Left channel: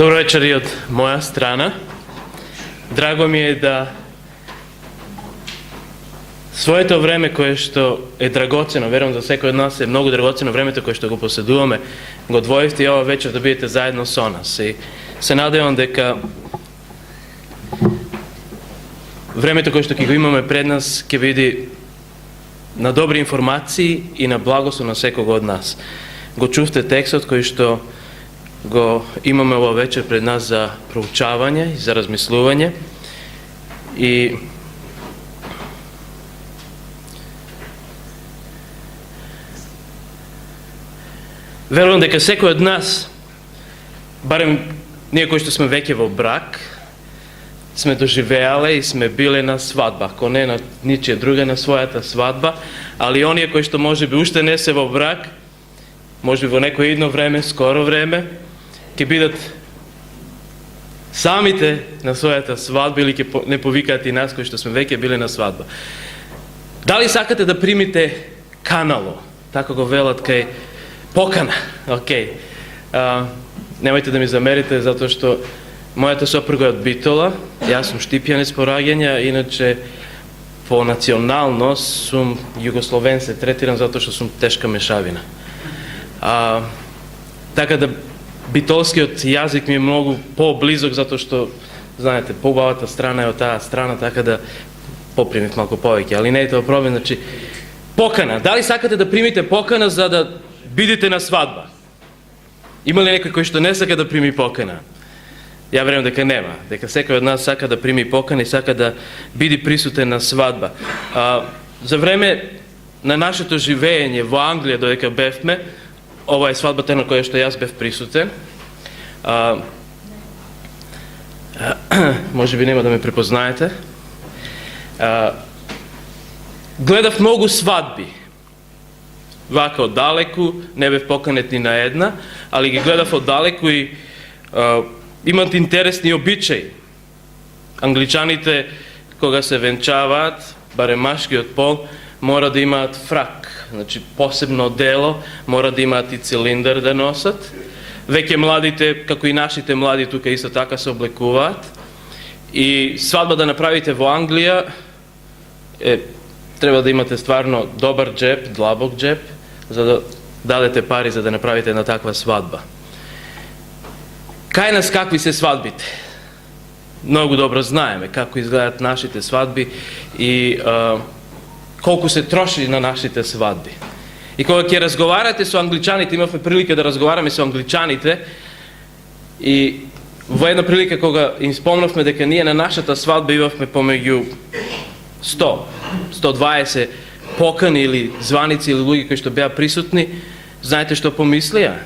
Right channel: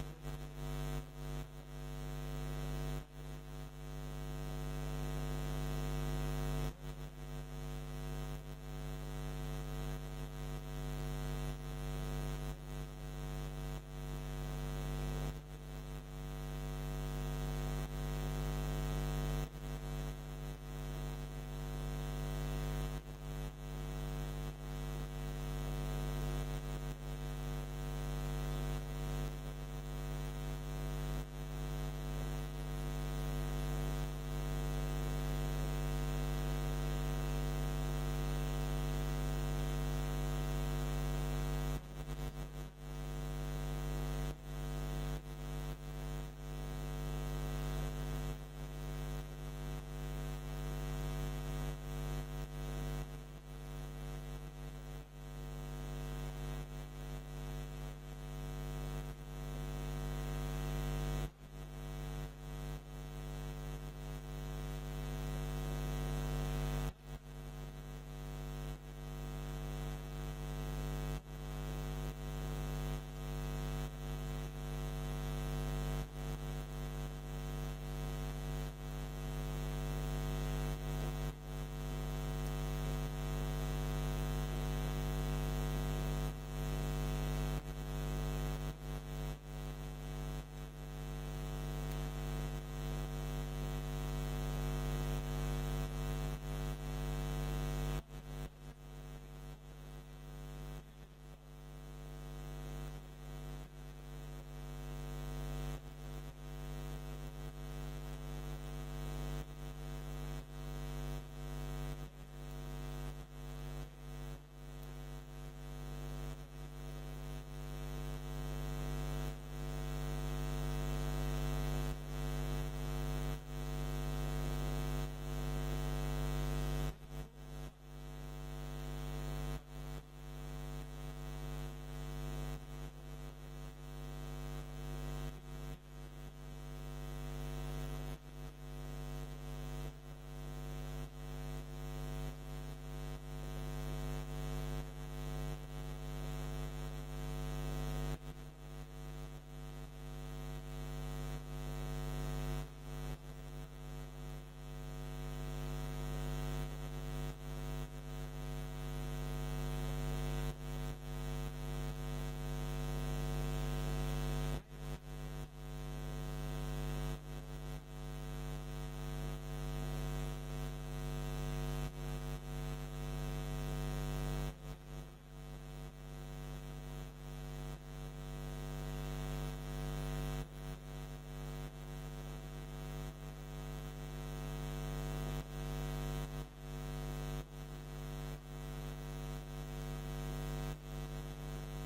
Dobro večer i od moja strana. Drago mi je da svoje to vreme koje što je dragoceno, verujem za sveko od nas je mnogo dragoceno vreme to koje što go posedujeme, go odvojiti ova večer da budete zajedno so nas. I se nadajam дека времето кое што ќе го имаме пред нас ќе биде на добри информации и на благослов на секого од нас. Го чувте текстот кој што го имаме ова вечер пред нас за проучавање и за размислување. И верувам дека секој од нас, барем ние кои што сме веќе во брак, сме доживеале и сме биле на свадба, ако не на ничија друга, на својата свадба, али оние кои што можеби уште не се во брак, можеби во некој идно време, скоро време, ќе бидат самите на својата свадба или ќе не повикаат и нас кои што сме веќе биле на свадба. Дали сакате да примите канало, така го велат кај покана? Океј. Немајте да ми замерите, затоа што мојата сопруга е од Битола, јас сум Штипјанец по раѓање, иначе по националност сум југословен, се третирам затоа што сум тешка мешавина. Така да битолскиот јазик ми е многу поблизок, затоа што, знаете, поубавата страна е од таа страна, така да попримив малку повеќе, али не е тоа проблем. Значи, покана. Дали сакате да примите покана за да бидете на свадба? Има ли некој кој што не сака да прими покана? Ја верувам дека нема, дека секој од нас сака да прими покана и сака да биде присутен на свадба. За време на нашето живење во Англија, додека бевме, ова е свадбата на која што јас бев присутен. Може би нема да ме препознаете. Гледав многу свадби. Вака оддалеку, не бев поканет ни на една, али ги гледав оддалеку и имат интересни обичаи. Англичаните, кога се венчаваат, барем машкиот пол, мора да имаат фрак, значи посебно дело, мора да имаат и цилиндър да носат. Веќе младите, како и нашите млади тука исто така се облекуваат. И свадба да направите во Англија, треба да имате стварно добар джеб, длабок джеб, за да дадете пари за да направите една таква свадба. Кај нас какви се свадбите? Многу добро знаеме како изгледат нашите свадби и колку се троши на нашите свадби. И кога ќе разговарате со англичаните, имавме прилика да разговараме со англичаните, и во една прилика кога им спомнавме дека ние на нашата свадба имавме помеѓу 100, 120 покани или званици или луѓе кои што беа присутни, знаете што помислија?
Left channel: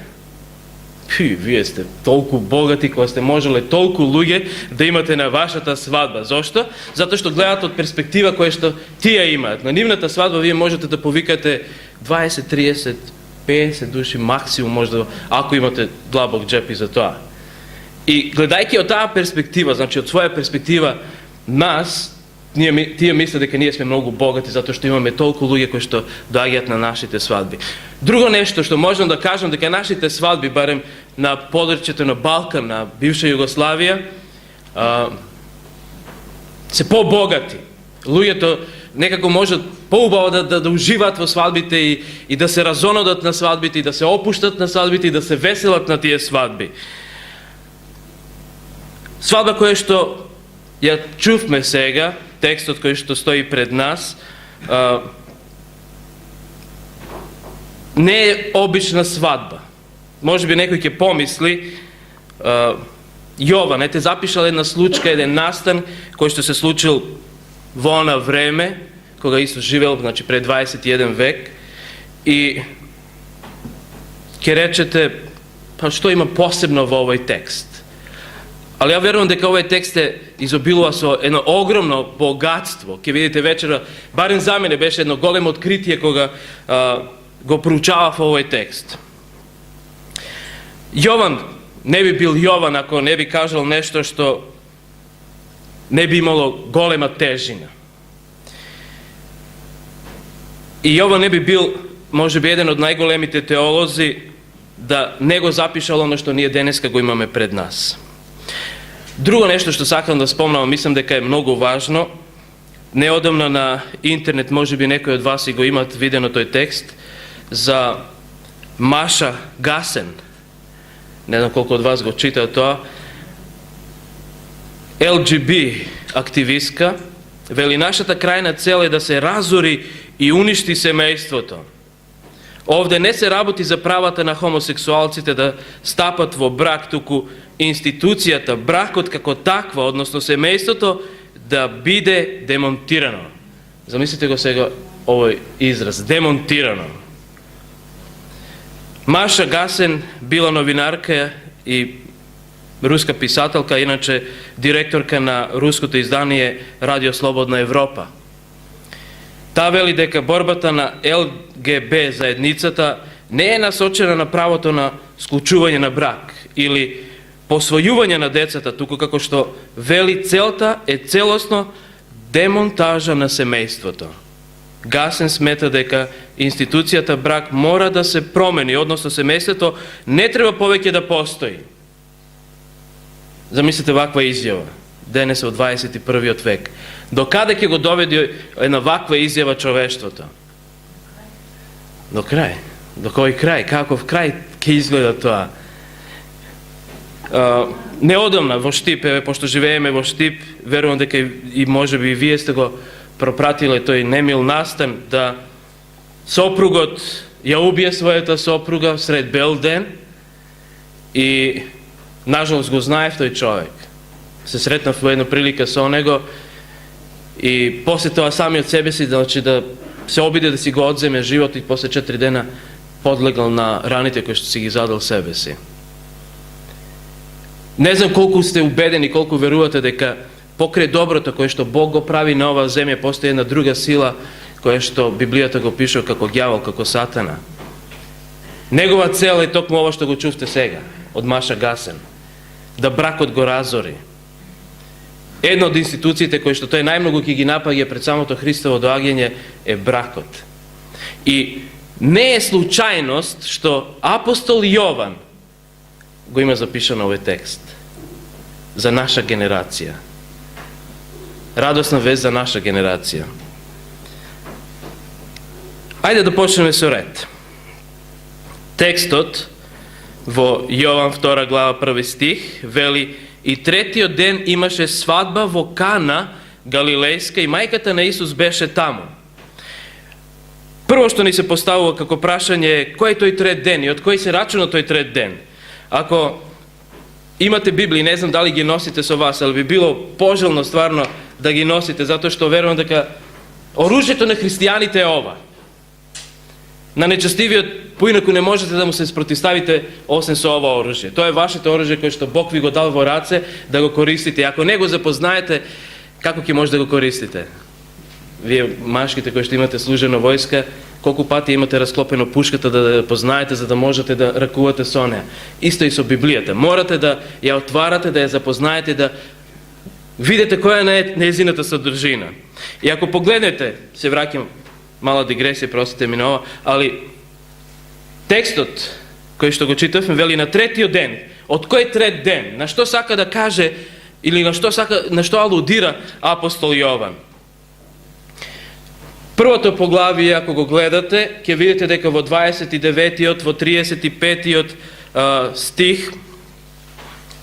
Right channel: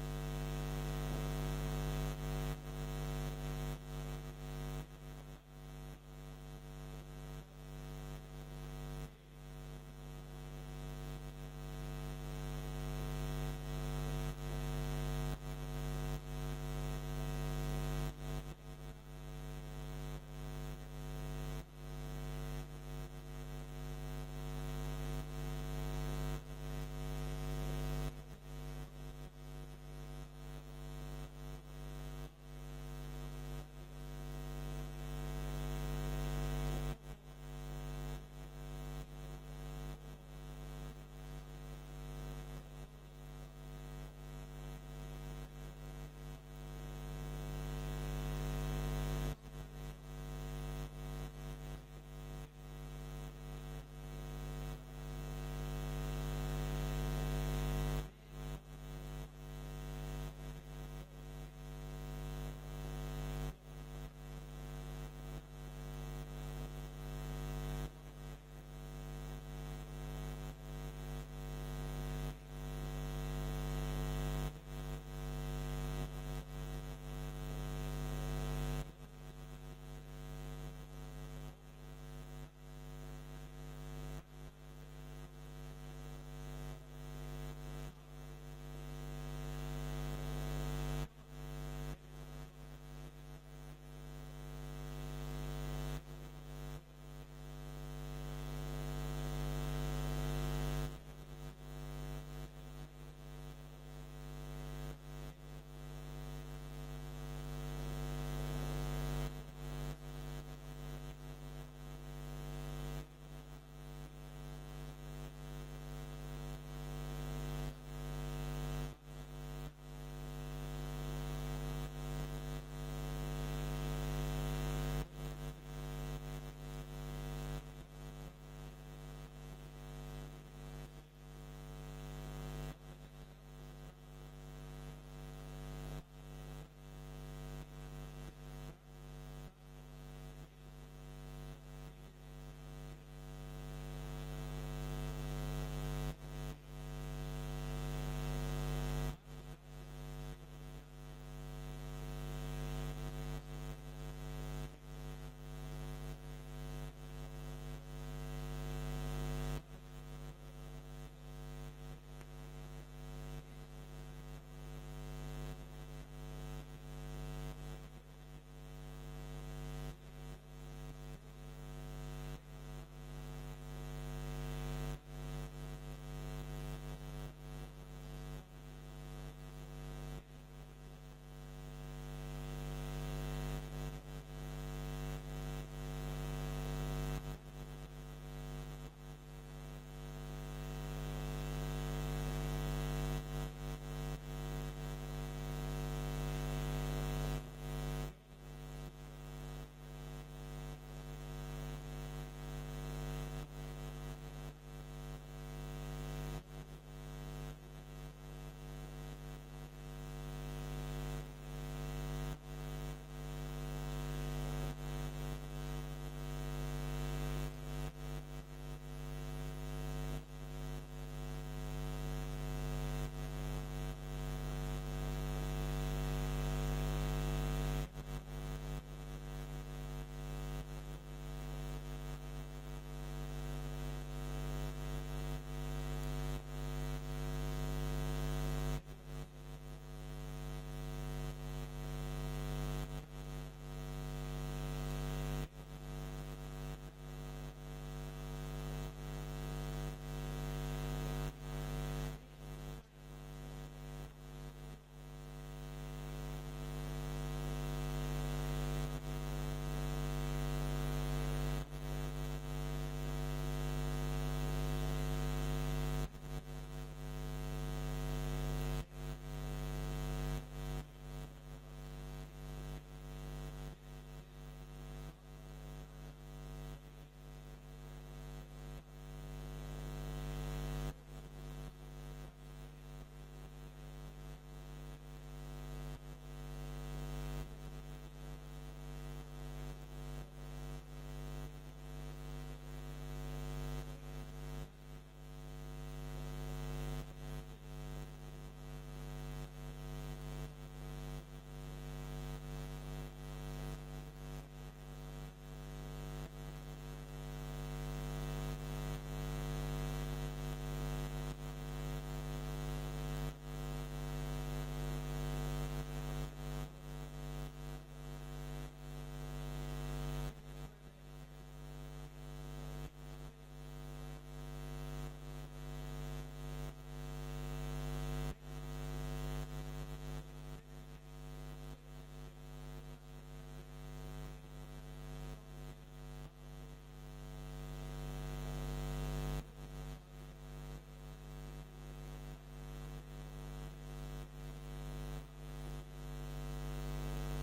Вие сте толку богати кога сте можеле толку луѓе да имате на вашата свадба. Зошто? Затоа што гледат од перспектива која што тие имаат. На нивната свадба вие можете да повикате 20, 30, 50 души максимум, можда, ако имате длабок джеп и за тоа. И гледајќи од таа перспектива, значи од своја перспектива, тие мислат дека ние сме многу богати затоа што имаме толку луѓе кои што доаѓаат на нашите свадби. Друго нешто што можам да кажам дека нашите свадби, барем на подречјето на Балкан, на бивша Југославија, се побогати. Луѓето некако можат поубаво да уживаат во свадбите и да се разонодат на свадбите и да се опуштат на свадбите и да се веселат на тие свадби. Свадба која што ја чувме сега, текстот кој што стои пред нас, не е обична свадба. Може би некој ќе помисли, Јован, ете запишал една случка, еден настан кој што се случил во она време, кога Исус живеел, значи пред 21 век, и ќе речете, па што има посебно во овој текст? Али ја верувам дека овој текст изобилува со едно огромно богатство. Ке видите вечера, барем за мене беше едно големо откритие кога го проучавав овој текст. Јован не би бил Јован ако не би кажал нешто што не би имало голема тежина. И Јован не би бил, може би, еден од најголемите теолози да не го запишал оно што ние денеска го имаме пред нас. Drugo nešto što sakam da spomnam, mislim da je mnogo važno. Neodavno na internet, može bi nekoj od vas i go imat videno toj tekst, za Maša Gasen. Ne znam koliko od vas go čita to. LGB aktivistka. Veli, našата krajна цел е да се разори и уништи семејството. Овде не се работи за правата на хомосексуалците да стапат во брак, туку институцијата, бракот како таква, односно семејството, да биде демонтирано. Замислите го сега овој израз, демонтирано. Маша Гасен била новинарка и руска писателка, иначе директорка на руското издание Радио Слободна Европа. Та вели дека борбата на ЛГБ заедницата не е насочена на правото на склучување на брак или посвојување на децата, туку како што вели целта е целосно демонтажа на семејството. Гасен смета дека институцијата брак мора да се промени, односно семејството не треба повеќе да постои. Замислите ваква изјава, денес во 21. век. До каде ќе го доведе една ваква изјава човештвото? До крај. До кој крај? Каков крај ќе изгледа тоа? Неодамна во Штип, пошто живееме во Штип, верувам дека и може би и вие сте го пропратиле тој немил настан, да сопругот ја убие својата сопруга сред бел ден и нажалост го знаев тој човек. Се сретнав во една прилика со него и после тоа сами од себе си, значи да се обиде да си го одземе живот и после 4 дена подлегал на раните кои што си ги задал себе си. Не знам колку сте убедени, колку верувате дека покрај доброто кое што Бог го прави на оваа земја постои една друга сила која што Библијата го пише како ѓавол, како сатана. Негова цел е токму ова што го чувте сега од Маша Гасен, да бракот го разори. Една од институциите кои што тој најмногу ќе ги напаѓа пред самото Христово доаѓање е бракот. И не е случајност што апостол Јован го има запишано овој текст за наша генерација. Радосна вест за наша генерација. Ајде да почнеме со ред. Текстот во Јован 2 глава 1 стих вели: и третиот ден имаше свадба во Кана Галилејска и мајката на Исус беше таму. Прво што ни се поставува како прашање е кој е тој трет ден и од кој се рачуна тој трет ден. Ако имате Библии, не знам дали ги носите со вас, ali би било пожелно стварно да ги носите, затоа што верувам дека оружјето на христијаните е ова. На нечестивиот поинаку не можете да му се спротивставите освен со ова оружје. Тоа е вашето оружје кое што Бог ви го дал во раце да го користите. Ако не го запознаете, како ќе може да го користите? Вие машките кои што имате служено војска, колку пати имате расклопено пушката да познаете за да можете да ракувате со неа. Исто и со Библијата. Морате да ја отварате, да ја запознаете, да видите која е нејзината содржина. И ако погледнете, се враќам, мала дигресија, простите ми на ова, али текстот кој што го читавме вели на третиот ден. Од кој трет ден? На што сака да каже или на што алудира апостол Јован? Првото поглавие, ако го гледате, ќе видите дека во 29-тиот, во 35-тиот стих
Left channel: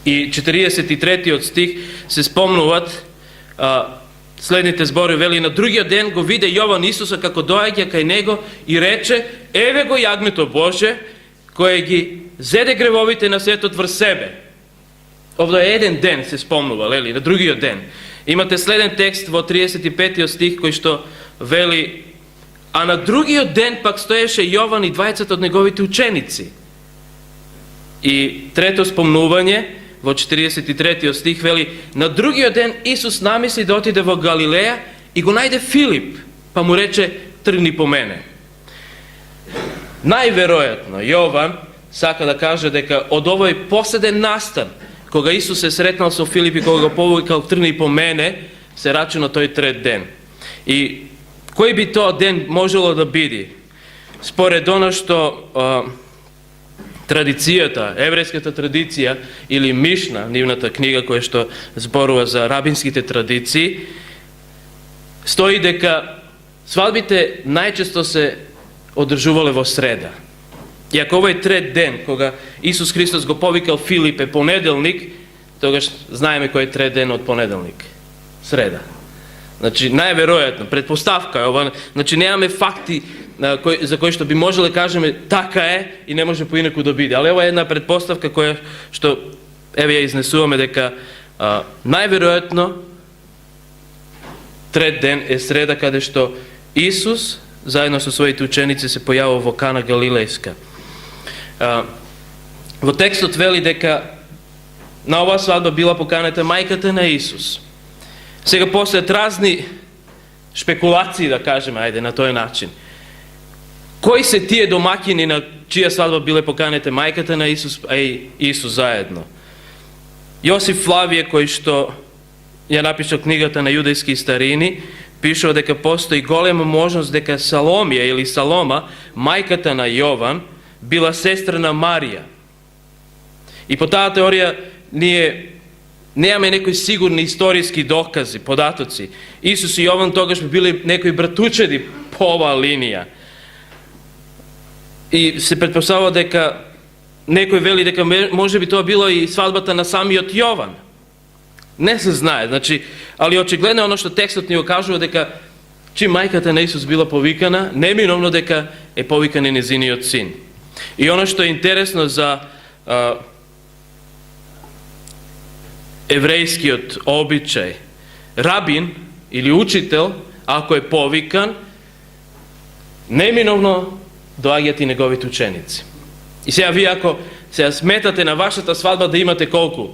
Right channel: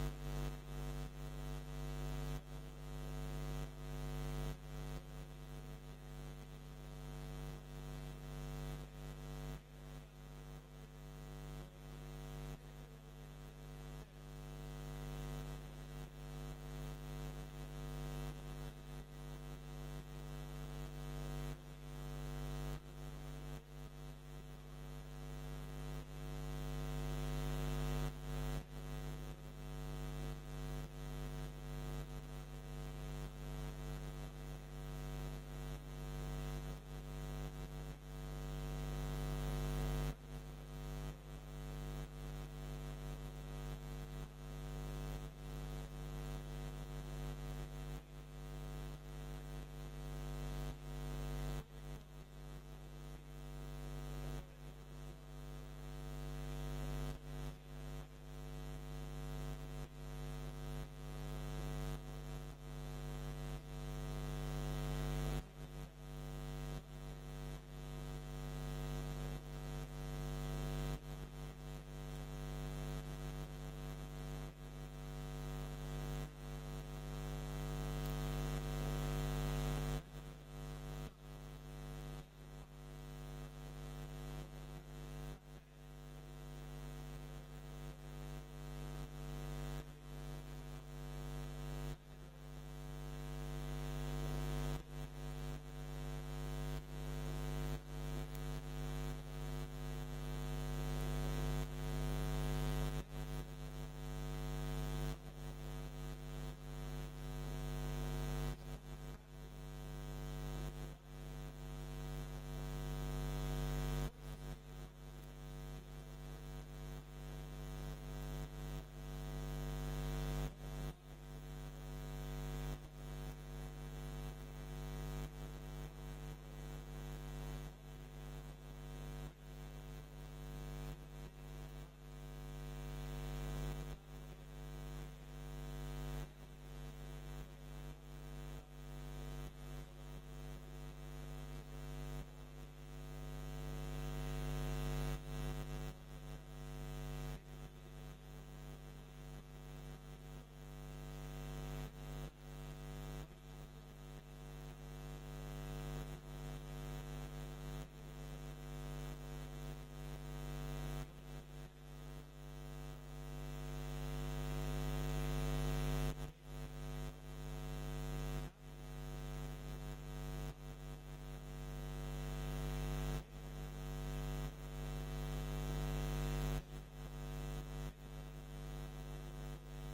и 43-тиот стих се спомнуваат следните збори. Вели, на другиот ден го виде Јован Исуса како доаѓа кај него и рече: еве го јагмето Боже, кое ги зеде гревовите на светот врз себе. Овде е еден ден се спомнува, лели, на другиот ден. Имате следен текст во 35-тиот стих кој што вели: а на другиот ден пак стоеше Јован и двајцата од неговите ученици. И трето спомнување во 43-тиот стих вели: на другиот ден Исус намисли да отиде во Галилеја и го најде Филип, па му рече: тргни по мене. Најверојатно Јован сака да каже дека од овој последен настан, кога Исус се сретнал со Филип и кога го повикал тргни по мене, се рачуна тој трет ден. И кој би тоа ден можело да биде? Според оно што традицијата, еврејската традиција или Мишна, нивната книга која што зборува за рабинските традиции, стои дека свадбите најчесто се одржувале во среда. И ако овој трет ден, кога Исус Христос го повикал Филип е понеделник, тогаш знаеме кој е трет ден од понеделник. Среда. Значи, најверојатно, предпоставка е ова, значи немаме факти за кои што би можеле кажеме така е и не може поинаку да биде. Али ова е една предпоставка која што еве ја изнесуваме дека најверојатно трет ден е среда каде што Исус заедно со своите ученици се појавува во Кана Галилејска. Во текстот вели дека на оваа свадба била поканата мајката на Исус. Сега постојат разни шпекулации, да кажеме, ајде, на тој начин. Кои се тие домаќини на чија свадба биле поканете мајката на Исус, а и Исус заедно? Јосиф Флавије, кој што ја напишал книгата на јудејски старини, пишува дека постои голема можност дека Саломија или Салома, мајката на Јован, била сестра на Марија. И по таа теорија ние немаме некои сигурни историски докази, податоци. Исус и Јован тогаш би били некои братучеди по оваа линија. И се претпоставува дека некој вели дека може би тоа било и свадбата на самиот Јован. Не се знае, значи, али очигледно оно што текстот ни го кажува дека чим мајката на Исус била повикана, неминовно дека е повикан и незиниот син. И оно што е интересно за еврејскиот обичај, рабин или учител, ако е повикан, неминовно доаѓаат и неговите ученици. И сега вие ако сега сметате на вашата свадба да имате колку?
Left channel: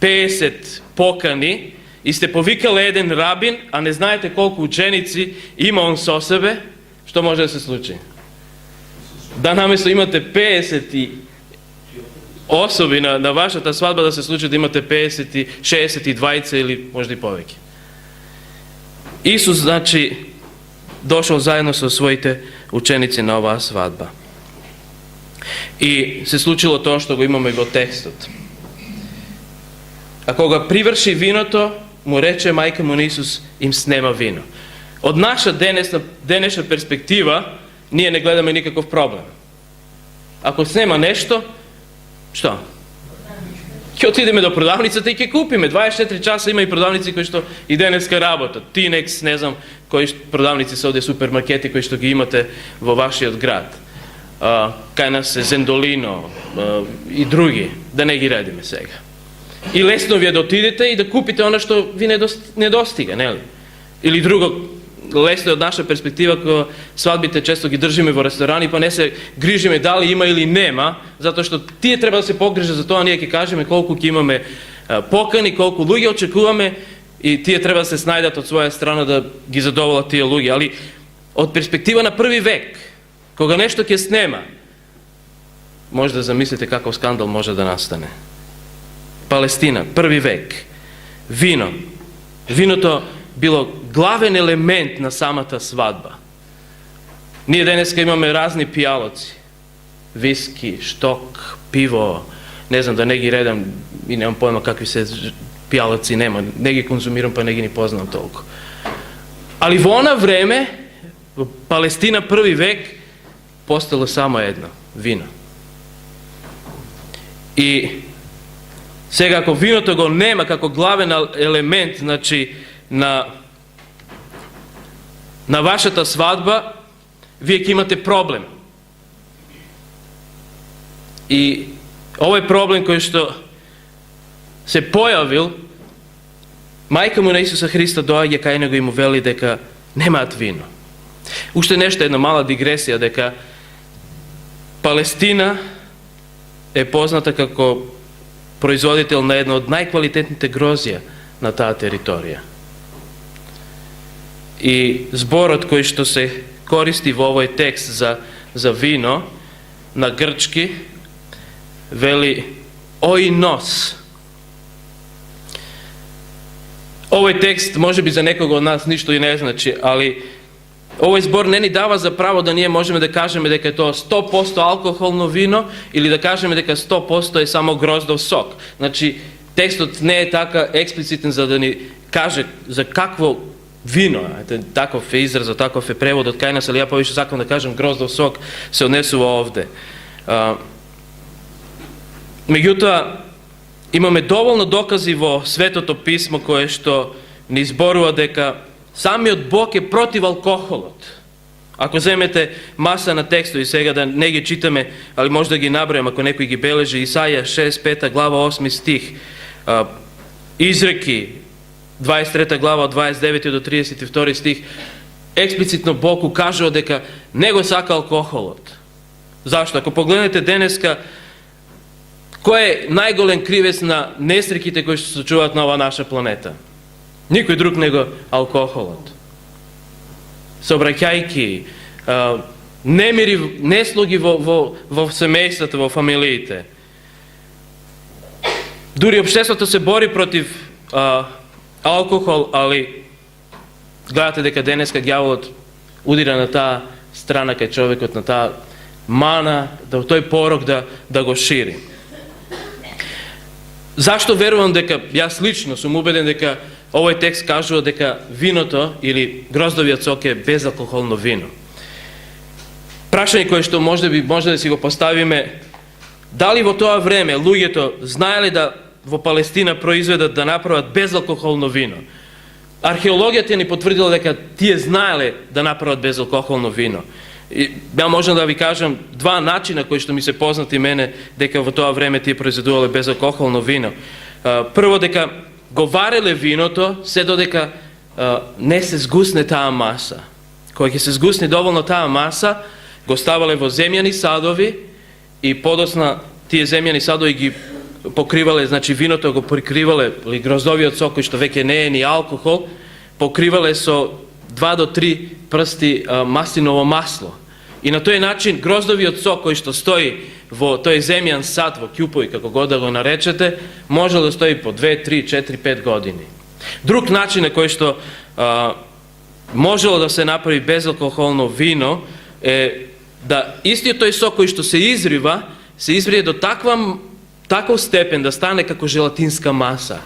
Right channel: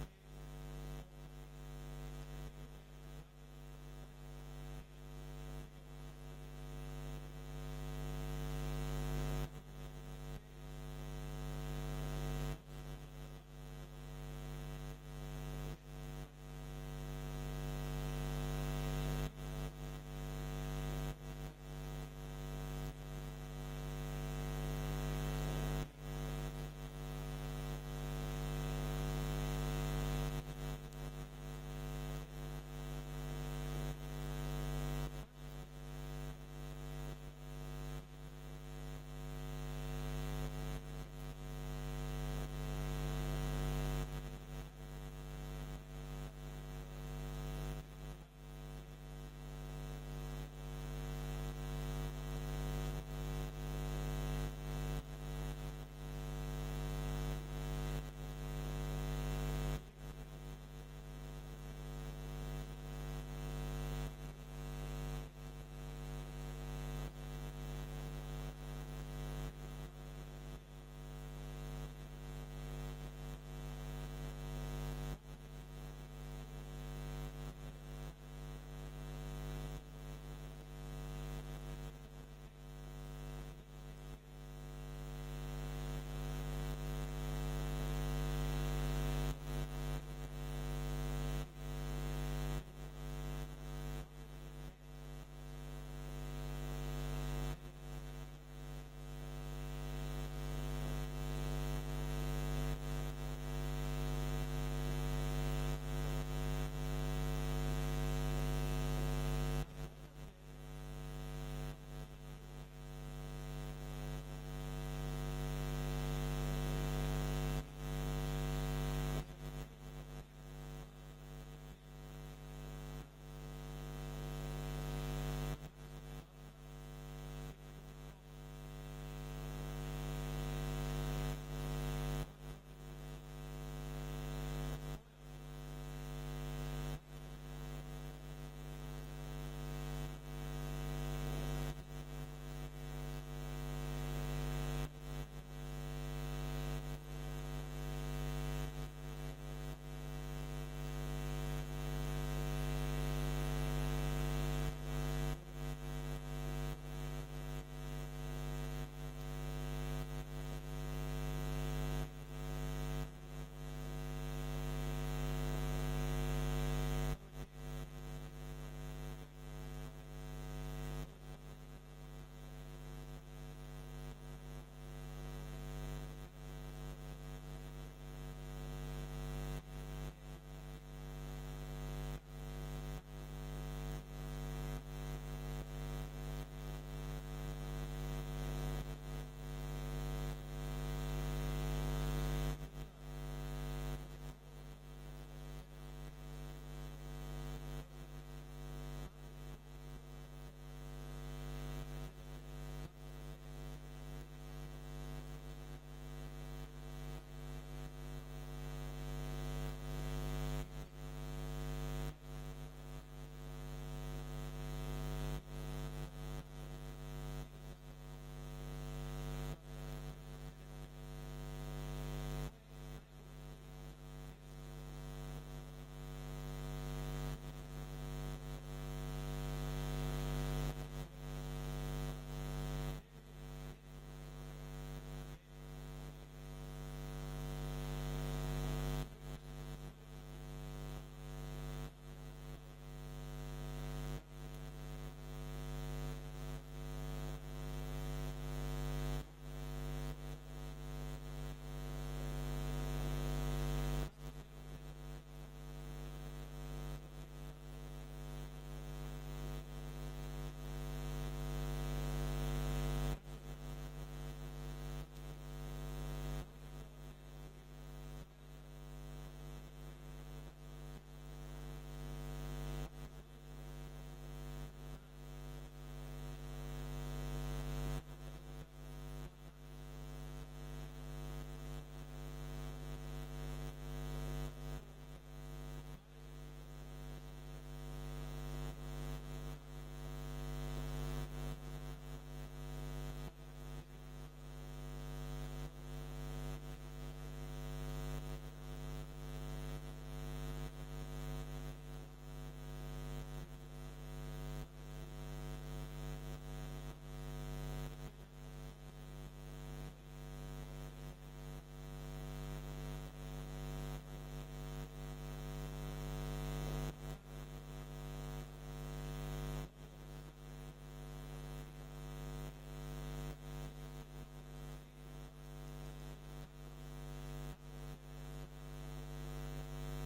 50 покани и сте повикале еден рабин, а не знаете колку ученици има он со себе, што може да се случи? Да наместо имате 50 и особи на вашата свадба да се случи да имате 50, 60 и 20 или може и повеќе. Исус, значи, дошол заедно со своите ученици на оваа свадба. И се случило тоа што го имаме во текстот. А кога приврши виното, му рече мајка му на Исус, им снема вино. Од наша денешна перспектива, ние не гледаме никаков проблем. Ако снема нешто, што? Ќе отидеме до продавницата и ќе купиме. 24 часа има и продавници кои што и денеска работат. Тинекс, не знам, кои продавници се овде супермаркети кои што ги имате во вашиот град. Кај нас е Зендолино и други, да не ги редиме сега. И лесно ви е да отидете и да купите оно што ви не достига, нели? Или друго, лесно е од наша перспектива, кога свадбите често ги држиме во ресторани, па не се грижиме дали има или нема, затоа што тие треба да се погрижат за тоа, ние ќе кажеме колку ќе имаме покани, колку луѓе очекуваме и тие треба да се снајдат од своја страна да ги задоволат тие луѓе. Али од перспектива на први век, кога нешто ќе снема, може да замислите каков скандал може да настане. Палестина, први век, вино. Виното било главен елемент на самата свадба. Ние денеска имаме разни пијалоци. Виски, шток, пиво, не знам да не ги редам и немам појма какви се пијалоци нема. Не ги конзумирам, па не ги ни познам толку. Али во она време, во Палестина први век, постало само едно, вино. И сега, ако виното го нема како главен елемент, значи, на вашата свадба, вие ќе имате проблем. И овој проблем кој што се појавил, мајка му на Исуса Христа доаѓа кај него и му вели дека немаат вино. Уште нешто, една мала дигресија, дека Палестина е позната како производител на едно од најквалитетните грозија на таа територија. И зборот кој што се користи во овој текст за вино на грчки вели оинос. Овој текст може би за некого од нас ништо и не значи, али Ovaj збор не ни дава за право да ние можеме да кажеме дека е тоа 100% алкохолно вино или да кажеме дека 100% е само гроздов сок. Значи, текстот не е така експлицитен за да ни каже за какво вино. Таков е изразот, таков е преводот кај нас, али ја повише сакам да кажем гроздов сок се однесува овде. Меѓутоа, имаме доволно докази во Светото писмо кое што ни зборува дека самиот Бог е против алкохолот. Ако земете маса на текстови, сега да не ги читаме, али може да ги набројам ако некој ги бележи, Исаја 6, 5 глава, 8 стих, Изреки 23 глава од 29 до 32 стих, експлицитно Бог укажува дека не го сака алкохолот. Зашто? Ако погледнете денеска, кој е најголем кривец на несреќите кои што се случуваат на оваа наша планета? Никој друг него алкохолот. Сообраќајки, немири, неслуги во семејствата, во фамилиите. Дури општеството се бори против алкохол, али гледате дека денеска ѓаволот удира на таа страна кај човекот, на таа мана, да тој порок да го шири. Зашто верувам дека, јас лично сум убеден дека овој текст кажува дека виното или гроздовиот сок е безалкохолно вино. Прашање кое што може да си го поставиме, дали во тоа време луѓето знаеле да во Палестина произведат да направат безалкохолно вино? Археологијата ни потврдила дека тие знаеле да направат безалкохолно вино. И ја можам да ви кажам два начина кои што ми се познати мене дека во тоа време тие произведувале безалкохолно вино. Прво, дека го вареле виното се додека не се згусне таа маса. Кога ќе се згусне доволно таа маса, го ставале во земјани садови и подосна тие земјани садови ги покривале, значи виното го прикривале, или гроздовиот сок кој што веќе не е ни алкохол, покривале со 2 до 3 прсти маслиново масло. И на тој начин гроздовиот сок кој што стои во тој земјан сад, во ќупови, како го да го наречете, може да стои по 2, 3, 4, 5 години. Друг начин на кој што можело да се направи безалкохолно вино е да истиот тој сок кој што се изрие до таков степен да стане како желатинска маса.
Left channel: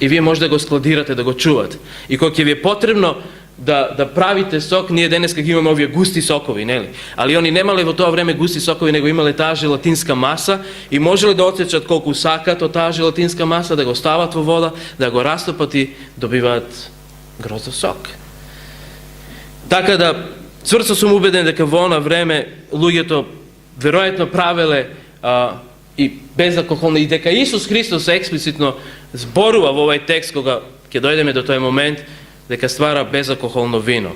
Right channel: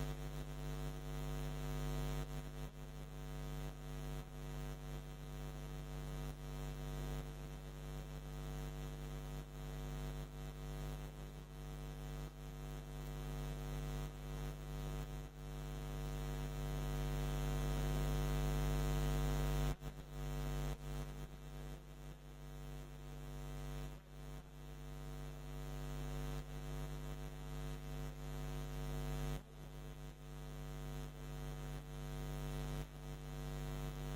И вие може да го складирате, да го чувате. И кога ќе ви е потребно да правите сок, ние денеска ги имаме овие густи сокови, нели? Али они немале во тоа време густи сокови, него имале таа желатинска маса и можеле да отсечат колку сакат од таа желатинска маса, да го стават во вода, да го растопат и добиваат гроздов сок. Така да, цврсто сум убеден дека во она време луѓето веројатно правеле и безалкохолно, и дека Исус Христос експлицитно зборува во овој текст кога ќе дојдеме до тој момент дека ствара безалкохолно вино.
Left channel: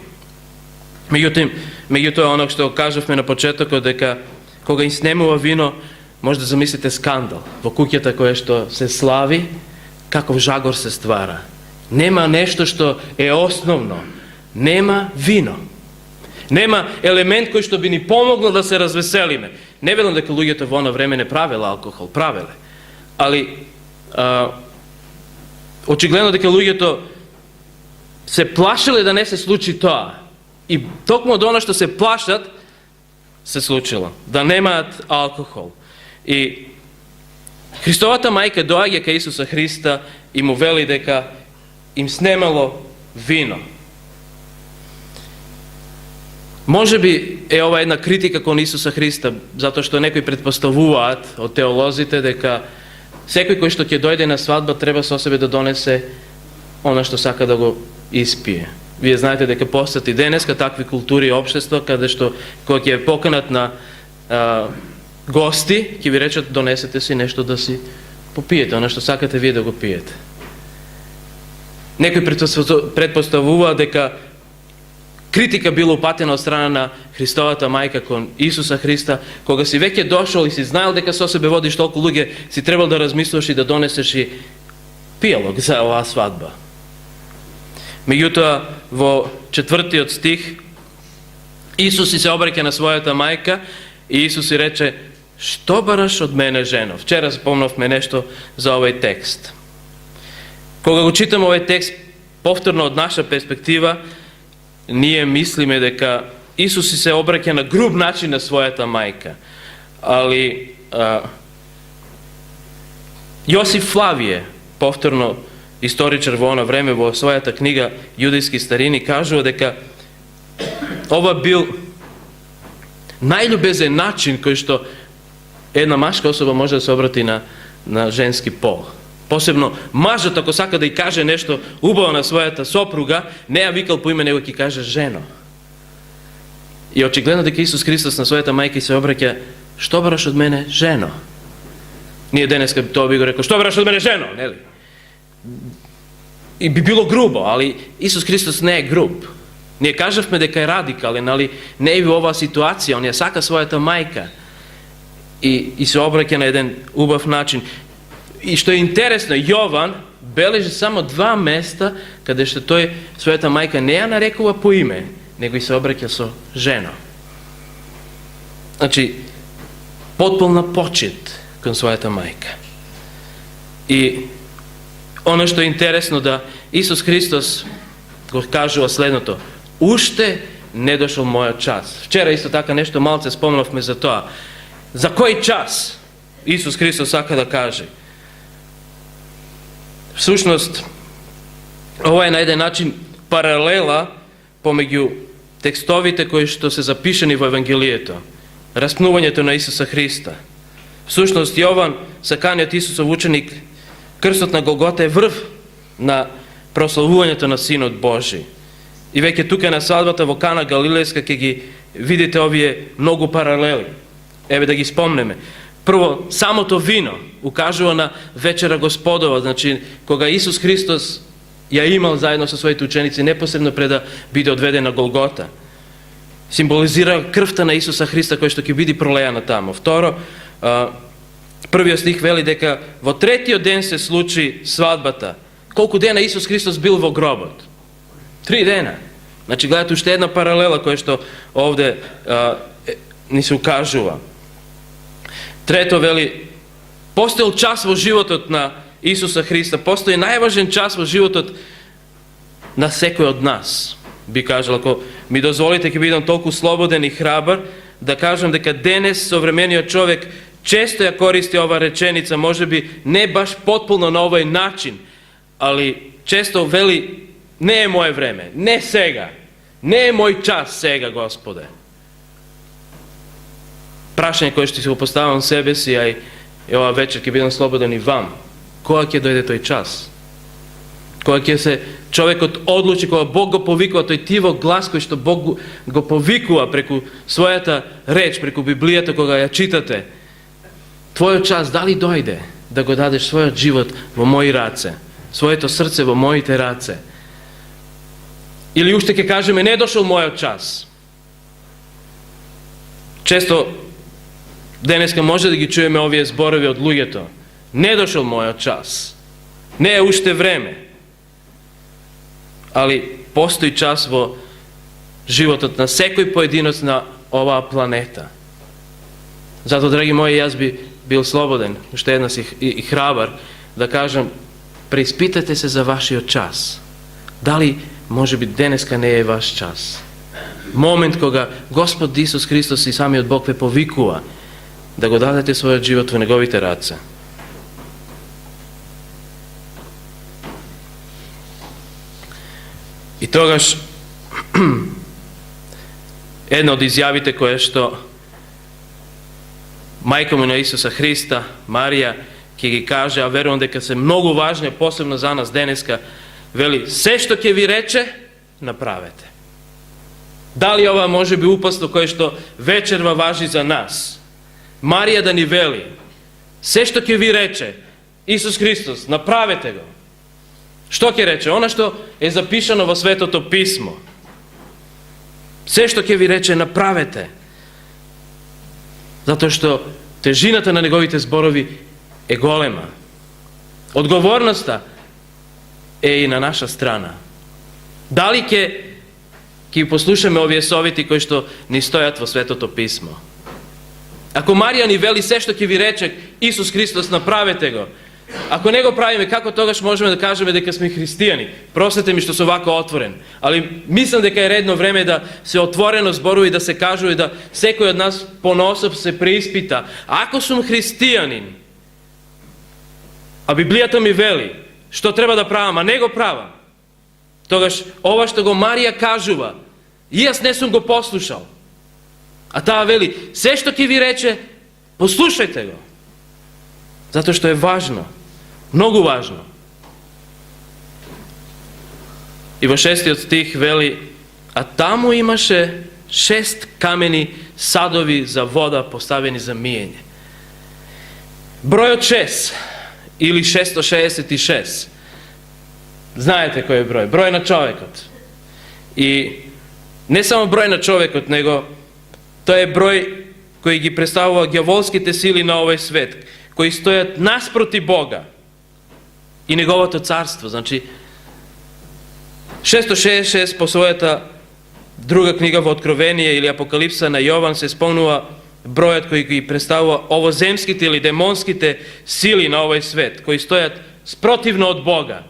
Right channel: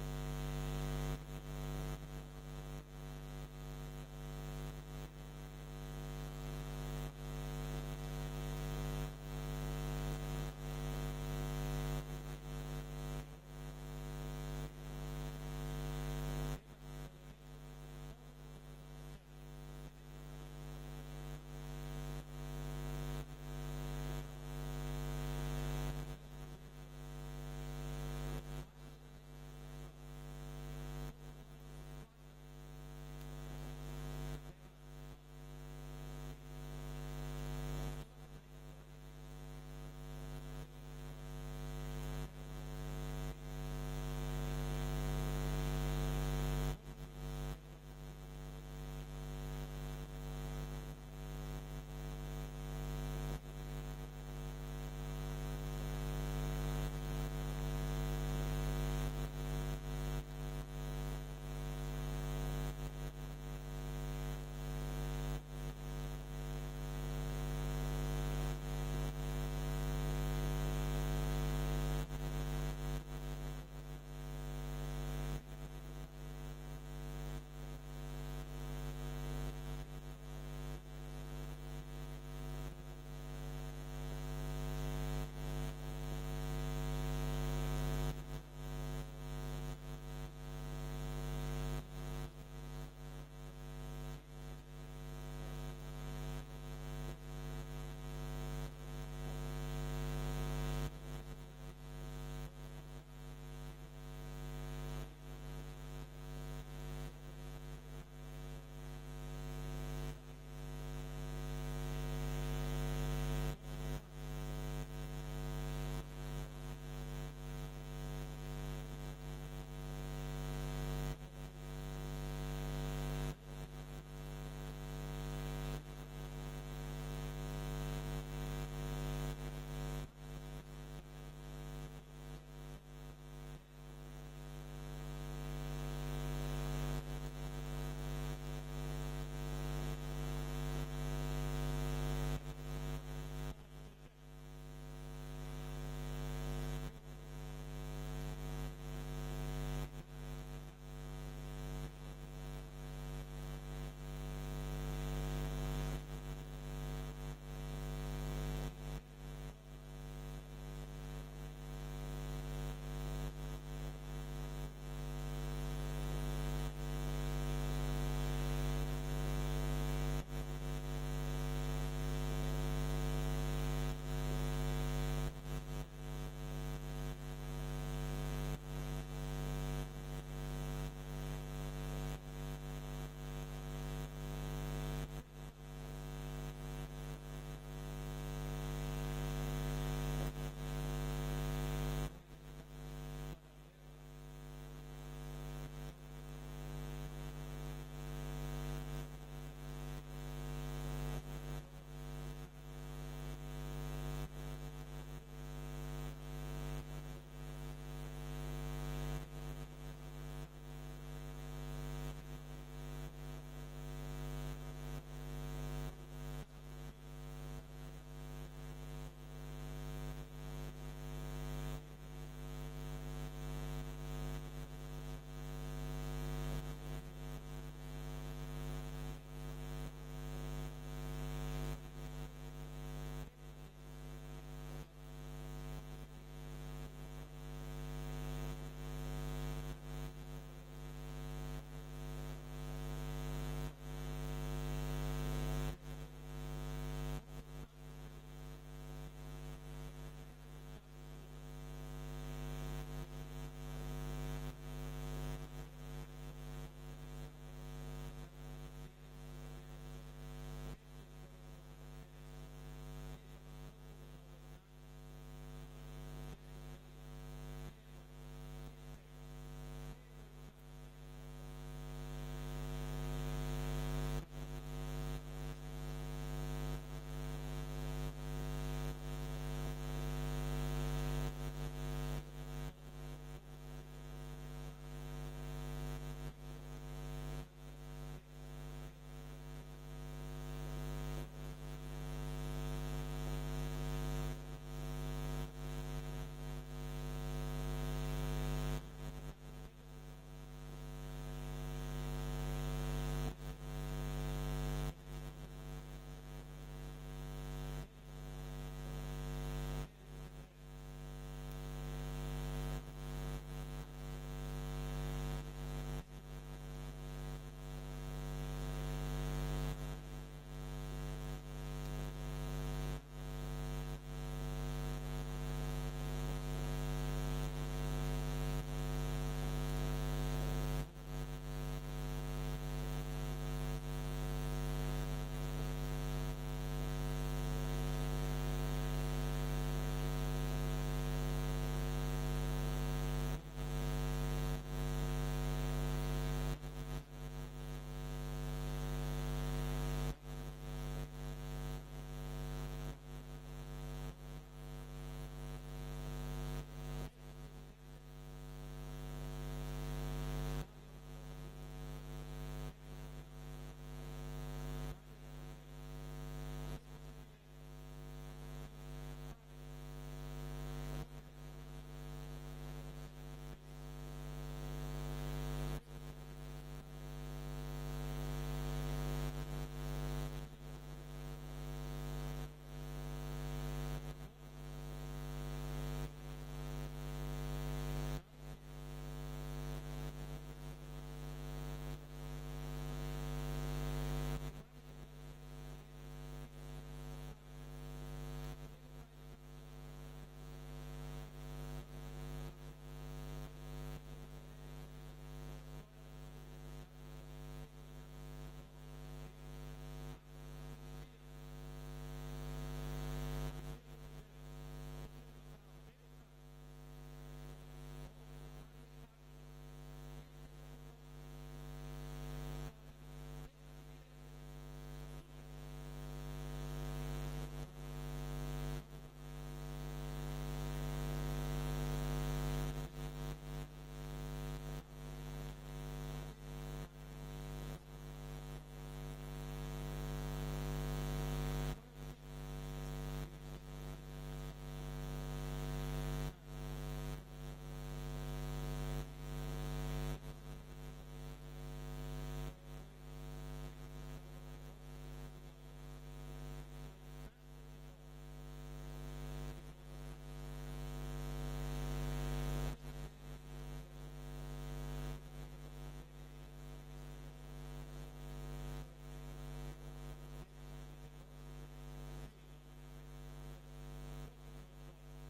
Меѓутоа оно што кажавме на почетокот, дека кога им снемува вино, може да замислите скандал во куќата која што се слави, каков жагор се ствара. Нема нешто што е основно. Нема вино. Нема елемент кој што би ни помогнал да се развеселиме. Не велам дека луѓето во оно време не правеле алкохол, правеле. Али очигледно дека луѓето се плашеле да не се случи тоа. И токму од оно што се плашат, се случило. Да немаат алкохол. И Христовата мајка доаѓа кај Исуса Христа и му вели дека им снемало вино. Може би е ова една критика кон Исуса Христа, затоа што некои предпоставуваат од теолозите дека секој кој што ќе дојде на свадба треба со себе да донесе она што сака да го испие. Вие знаете дека постојат и денеска такви култури и општества каде што кога ќе поканат на гости, ќе ви речат донесете си нешто да си попиете, она што сакате вие да го пиете. Некои предпоставуваат дека критика била упатена од страна на Христовата мајка кон Исуса Христа, кога си веќе дошол и си знаел дека со себе водиш толку луѓе, си требал да размислуваш и да донесеш и пијалок за оваа свадба. Меѓутоа, во 4 стих, Исус се обраќа на својата мајка и Исус си рече: "Што бараш од мене, жено?" Вчера спомнавме нешто за овој текст. Кога го читам овој текст повторно од наша перспектива, ние мислиме дека Исус се обраќа на груб начин на својата мајка. Али Јосиф Флавије, повторно историчар во она време, во својата книга Јудејски старини, кажува дека ова бил најљубезен начин кој што една машка особа може да се обрати на женски пол. Посебно мажот, ако сака да и каже нешто убаво на својата сопруга, не ја викал по име, него ќе каже жено. И очигледно дека Исус Христос на својата мајка се обраќа: што бараш од мене, жено? Ние денеска тоа би го рекол: што бараш од мене, жено? Нели? И би било грубо, али Исус Христос не е груб. Ние кажавме дека е радикален, али не е во оваа ситуација, он ја сака својата мајка и се обраќа на еден убав начин. И што е интересно, Јован бележи само 2 места каде што тој својата мајка не ја нарекува по име, него и се обраќа со жено. Значи, потполна почит кон својата мајка. И оно што е интересно, да Исус Христос го кажува следното: уште не дошол мојот час. Вчера исто така нешто малце спомнавме за тоа. За кој час Исус Христос сака да каже? Всушност, ова е на еден начин паралела помеѓу текстовите кои што се запишани во Евангелието, распнувањето на Исуса Христа. Всушност, Јован, саканиот Исусов ученик, крстот на Голгота е врв на прославувањето на Синот Божи. И веќе тука на свадбата во Кана Галилејска ќе ги видите овие многу паралели. Еве да ги спомнеме. Прво, самото вино укажува на вечера Господова, значи кога Исус Христос ја имал заедно со своите ученици непосредно пред да биде одведен на Голгота. Символизира крвта на Исуса Христа која што ќе биде пролејана тамо. Второ, првиот стих вели дека во третиот ден се случи свадбата. Колку дена Исус Христос бил во гробот? 3 дена. Значи, гледате уште една паралела која што овде ни се укажува. Трето вели, постоел час во животот на Исуса Христа, постои најважен час во животот на секој од нас. Би кажал, ако ми дозволите, ќе бидам толку слободен и храбар да кажам дека денес современиот човек често ја користи ова реченица, може би не баш потполно на овој начин, али често вели: не е моје време, не сега, не е мој час сега, Господе. Прашање кое што си го поставам себе си, а и ова вечер ќе бидам слободен и вам. Кога ќе дојде тој час? Кога ќе се човекот одлучи, кога Бог го повикува, тој тивок глас кој што Бог го повикува преку својата реч, преку Библијата кога ја читате, твојот час дали дојде да го дадеш својот живот во мои раце, своето срце во моите раце? Или уште ќе кажеме: не дошол мојот час? Често денеска може да ги чуеме овие зборови од луѓето: не дошол мојот час, не е уште време. Али постои час во животот на секој поединец на оваа планета. Зато, драги мои, јас би бил слободен, уште еднаш и храбар, да кажам: преиспитате се за вашиот час. Дали може би денеска не е ваш час? Момент кога Господ Исус Христос и самиот Бог ве повикува да го дадете својот живот во неговите раце. И тогаш една од изјавите која што мајка му на Исуса Христа, Марија, ќе ги каже, а верувам дека се многу важни, посебно за нас денеска, вели: се што ќе ви рече, направете. Дали ова може би упасно кое што вечерва важи за нас? Марија да ни вели: се што ќе ви рече Исус Христос, направете го. Што ќе рече? Она што е запишано во Светото Писмо. Се што ќе ви рече, направете. Затоа што тежината на неговите зборови е голема. Одговорноста е и на наша страна. Дали ќе послушаме овие совети кои што ни стојат во Светото Писмо? Ако Марија ни вели: се што ќе ви рече Исус Христос, направете го, Ako ne го правиме, како тогаш можеме да кажеме дека сме христијани? Простете ми што сум вако отворен, али мислам дека е редно време да се отворено зборува и да се кажува и да секој од нас понособ се преиспита. Ако сум христијанин, а Библијата ми вели што треба да правам, а не го правам, тогаш ова што го Марија кажува, и јас не сум го послушал. А таа вели, се што ќе ви рече, послушајте го. Затоа што е важно, многу важно. И во 6 стих вели, а таму имаше 6 камени садови за вода поставени за миење. Бројот 6 или 666. Знаете кој е број? Број на човекот. И не само број на човекот, него тоа е број кој ги представува ѓаволските сили на овој свет, кои стојат наспроти Бога и Неговото царство. Значи, 666 по својата друга книга во Откровение или Апокалипса на Јован се спомнува бројот кој ги представува овоземските или демонските сили на овој свет, кои стојат спротивно од Бога.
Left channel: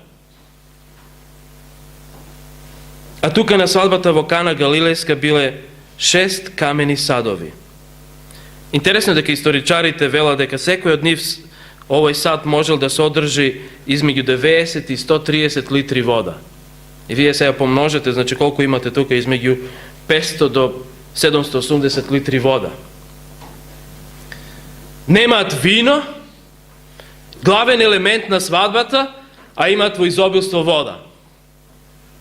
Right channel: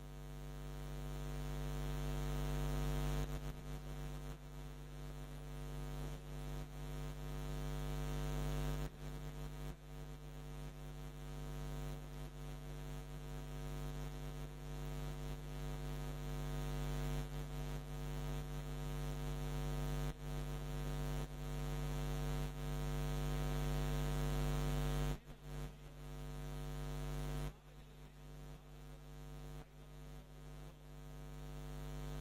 А тука на свадбата во Кана Галилејска биле 6 камени садови. Интересно дека историчарите велат дека секој од нив овој сад можел да се одржи измеѓу 90 и 130 литри вода. И вие сега помножете, значи колку имате тука, измеѓу 500 до 780 литри вода. Немаат вино, главен елемент на свадбата, а имаат во изобилство вода.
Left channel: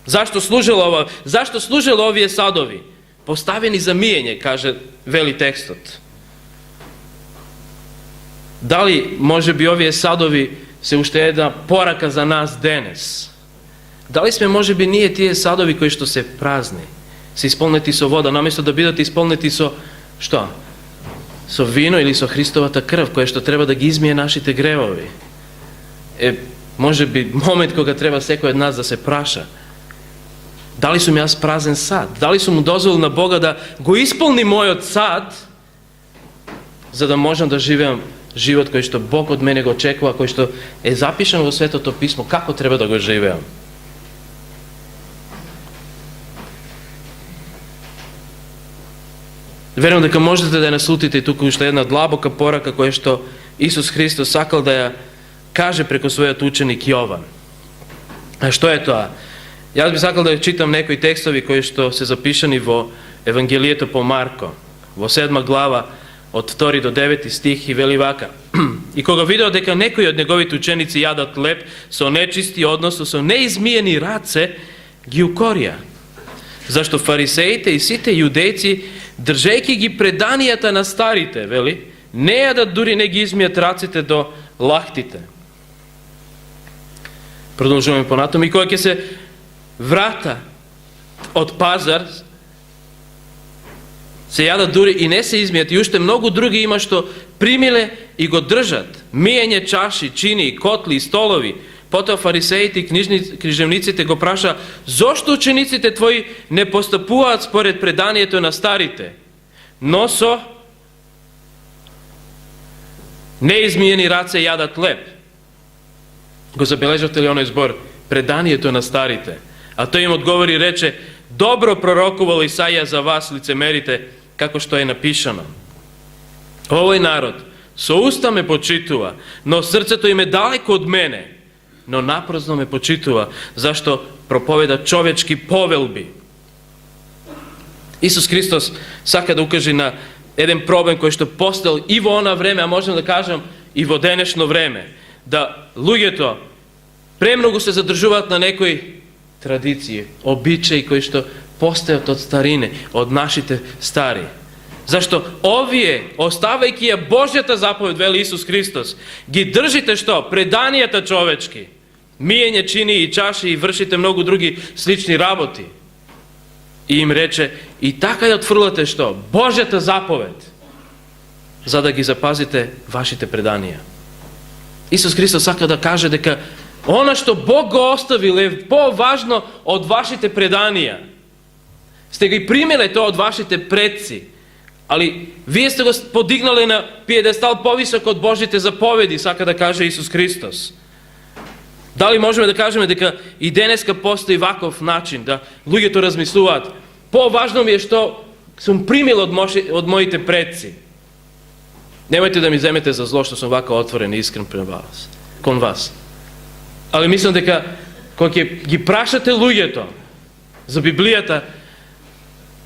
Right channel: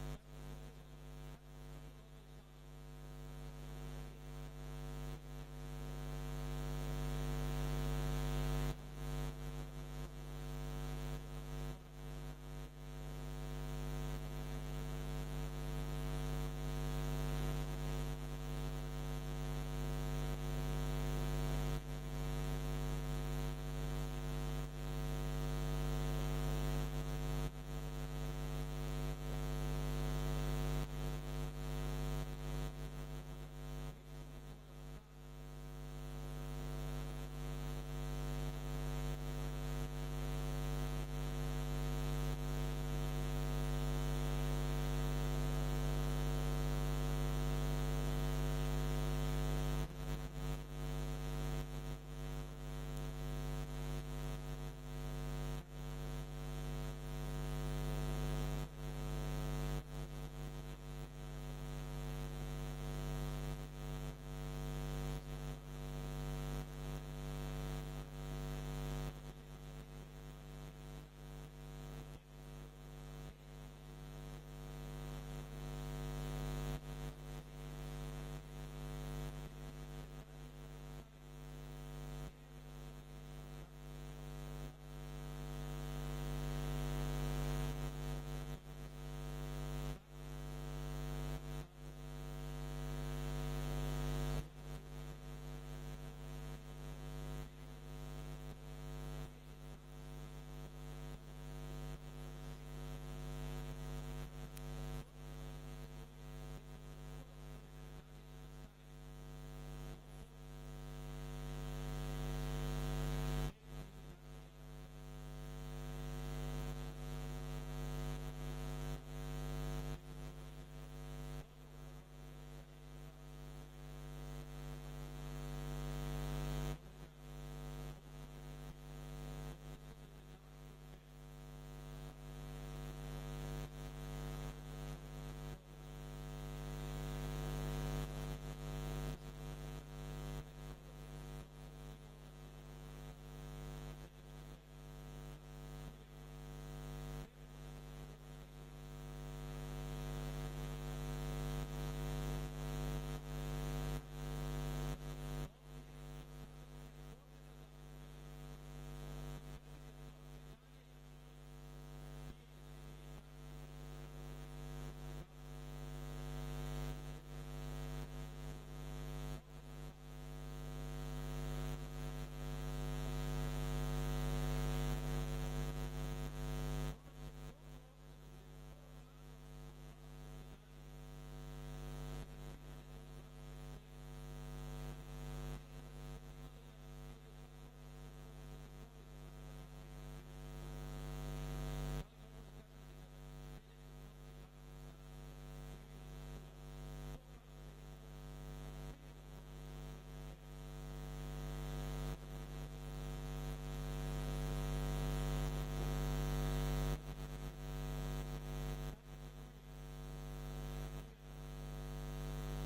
Зашто служело овие садови? Поставени за миење, каже, вели текстот. Дали може би овие садови се уште една порака за нас денес? Дали сме може би ние тие садови кои што се празни, се исполнети со вода, наместо да бидат исполнети со што? Со вино или со Христовата крв, која што треба да ги измие нашите гревови. Може би момент кога треба секој од нас да се праша. Дали сум јас празен сад? Дали сум му дозволил на Бога да го исполни мојот сад, за да можам да живеам живот кој што Бог од мене го очекува, кој што е запишан во Светото Писмо, како треба да го живеам? Верувам дека можете да ја наслутите и тука уште една длабока порака која што Исус Христос сакал да ја каже преку својот ученик Јован. А што е тоа? Јас би сакал да ја читам некои текстови кои што се запишани во Евангелието по Марко, во 7 глава, од 2 до 9 стих, и вели вака. И кога видео дека некои од неговите ученици јадат леб со нечисти, односно со неизмиени раце, ги укорија. Зашто фарисеите и сите јудејци, држејќи ги преданијата на старите, вели, не јадат, дури не ги измијат раците до лахтите. Продолжуваме понатаму. И кога ќе се врата од пазар, се јадат дури и не се измијат, и уште многу други има што примиле и го држат. Миење чаши, чини, котли, столови. Потоа фарисеите и книжевниците го праша, зошто учениците твои не постапуваат според преданието на старите, но со неизмиени раце јадат леб? Го забележавте ли оној збор? Преданието на старите. А тој им одговори и рече, добро пророкувал Исаија за вас, лицемерите, како што е напишано. Овој народ со уста ме почитува, но срцето им е далеко од мене, но напразно ме почитува, зашто проповеда човечки повелби. Исус Христос сака да укаже на еден проблем кој што постал и во она време, а можем да кажем и во денешно време, да луѓето премногу се задржуваат на некои традиции, обичаи кои што постајат од старине, од нашите стари. Зашто овие, оставајќи ја Божјата заповед, вели Исус Христос, ги држите што? Преданијата човечки. Миење чини и чаши и вршите многу други слични работи. И им рече, и така ја отфрлате што? Божјата заповед, за да ги запазите вашите преданија. Исус Христос сака да каже дека она што Бог го оставил е поважно од вашите преданија. Сте ги примеле тоа од вашите предци, Ali вие сте го подигнале на пиедестал повисок од Божите заповеди, сака да каже Исус Христос. Дали можеме да кажеме дека и денеска постои ваков начин, да луѓето размислуваат, поважно ми е што сум примил од моите предци. Немајте да ми земете за зло што сум вака отворен и искрен кон вас. Али мислам дека кога ќе ги прашате луѓето за Библијата,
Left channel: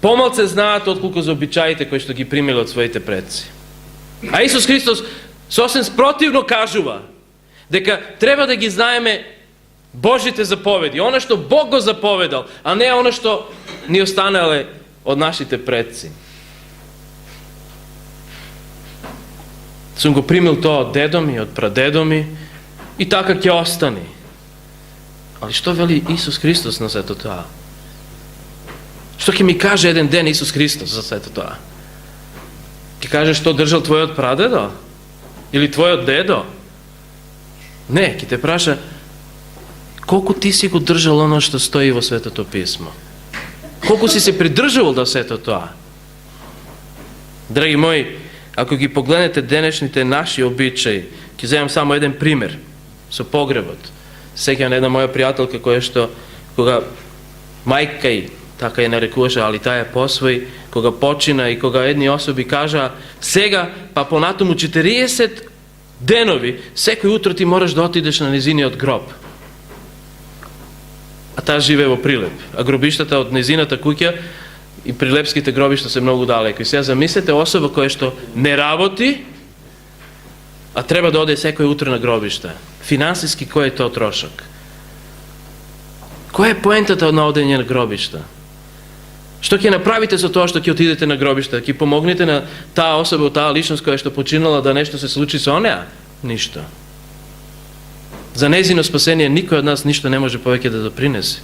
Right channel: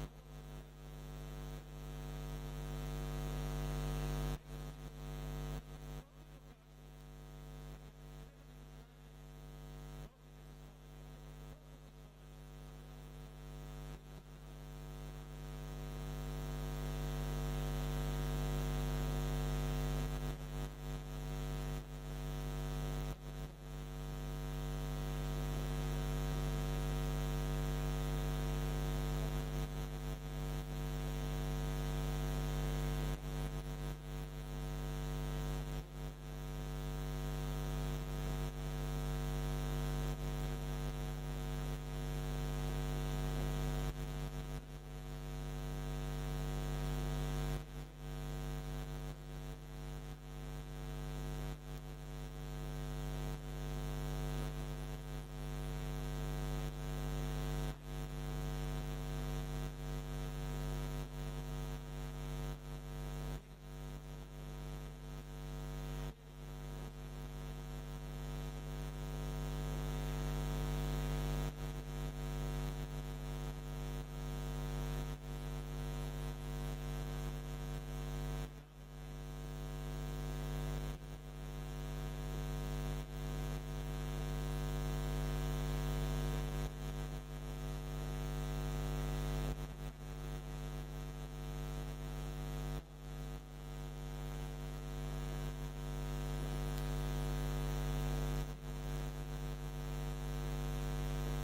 помалце знаат отколку за обичаите кои што ги примиле од своите предци. А Исус Христос сосем спротивно кажува дека треба да ги знаеме Божите заповеди, она што Бог го заповедал, а не она што ни останале од нашите предци. Сум го примил тоа од дедо ми, од прадедо ми и така ќе остани. Али што вели Исус Христос на сето тоа? Што ќе ми каже еден ден Исус Христос за сето тоа? Ќе каже што држал твојот прадедо? Или твојот дедо? Не, ќе те праша колку ти си го држал оно што стои во Светото Писмо. Колку си се придржувал до сето тоа. Драги мои, ако ги погледнете денешните наши обичаи, ќе земам само еден пример со погребот. Сеќавам една моја пријателка која што кога мајка и така ја нарекуваше, али таа ја посвои, кога почина и кога едни особи кажаа сега па понатаму 40 денови, секој утро ти мораш да отидеш на незиниот гроб. А таа живее во Прилеп. А гробиштата од незината куќа и прилепските гробишта се многу далеко. И сега замислете особа која што не работи, а треба да оде секој утро на гробишта. Финансиски кој е тоа трошок? Која е поентата на одење на гробишта? Што ќе направите со тоа што ќе отидете на гробишта? Ќе помогнете на таа особа, таа личност која што починала да нешто се случи со неа? Ништо. За незино спасение никој од нас ништо не може повеќе да допринесе.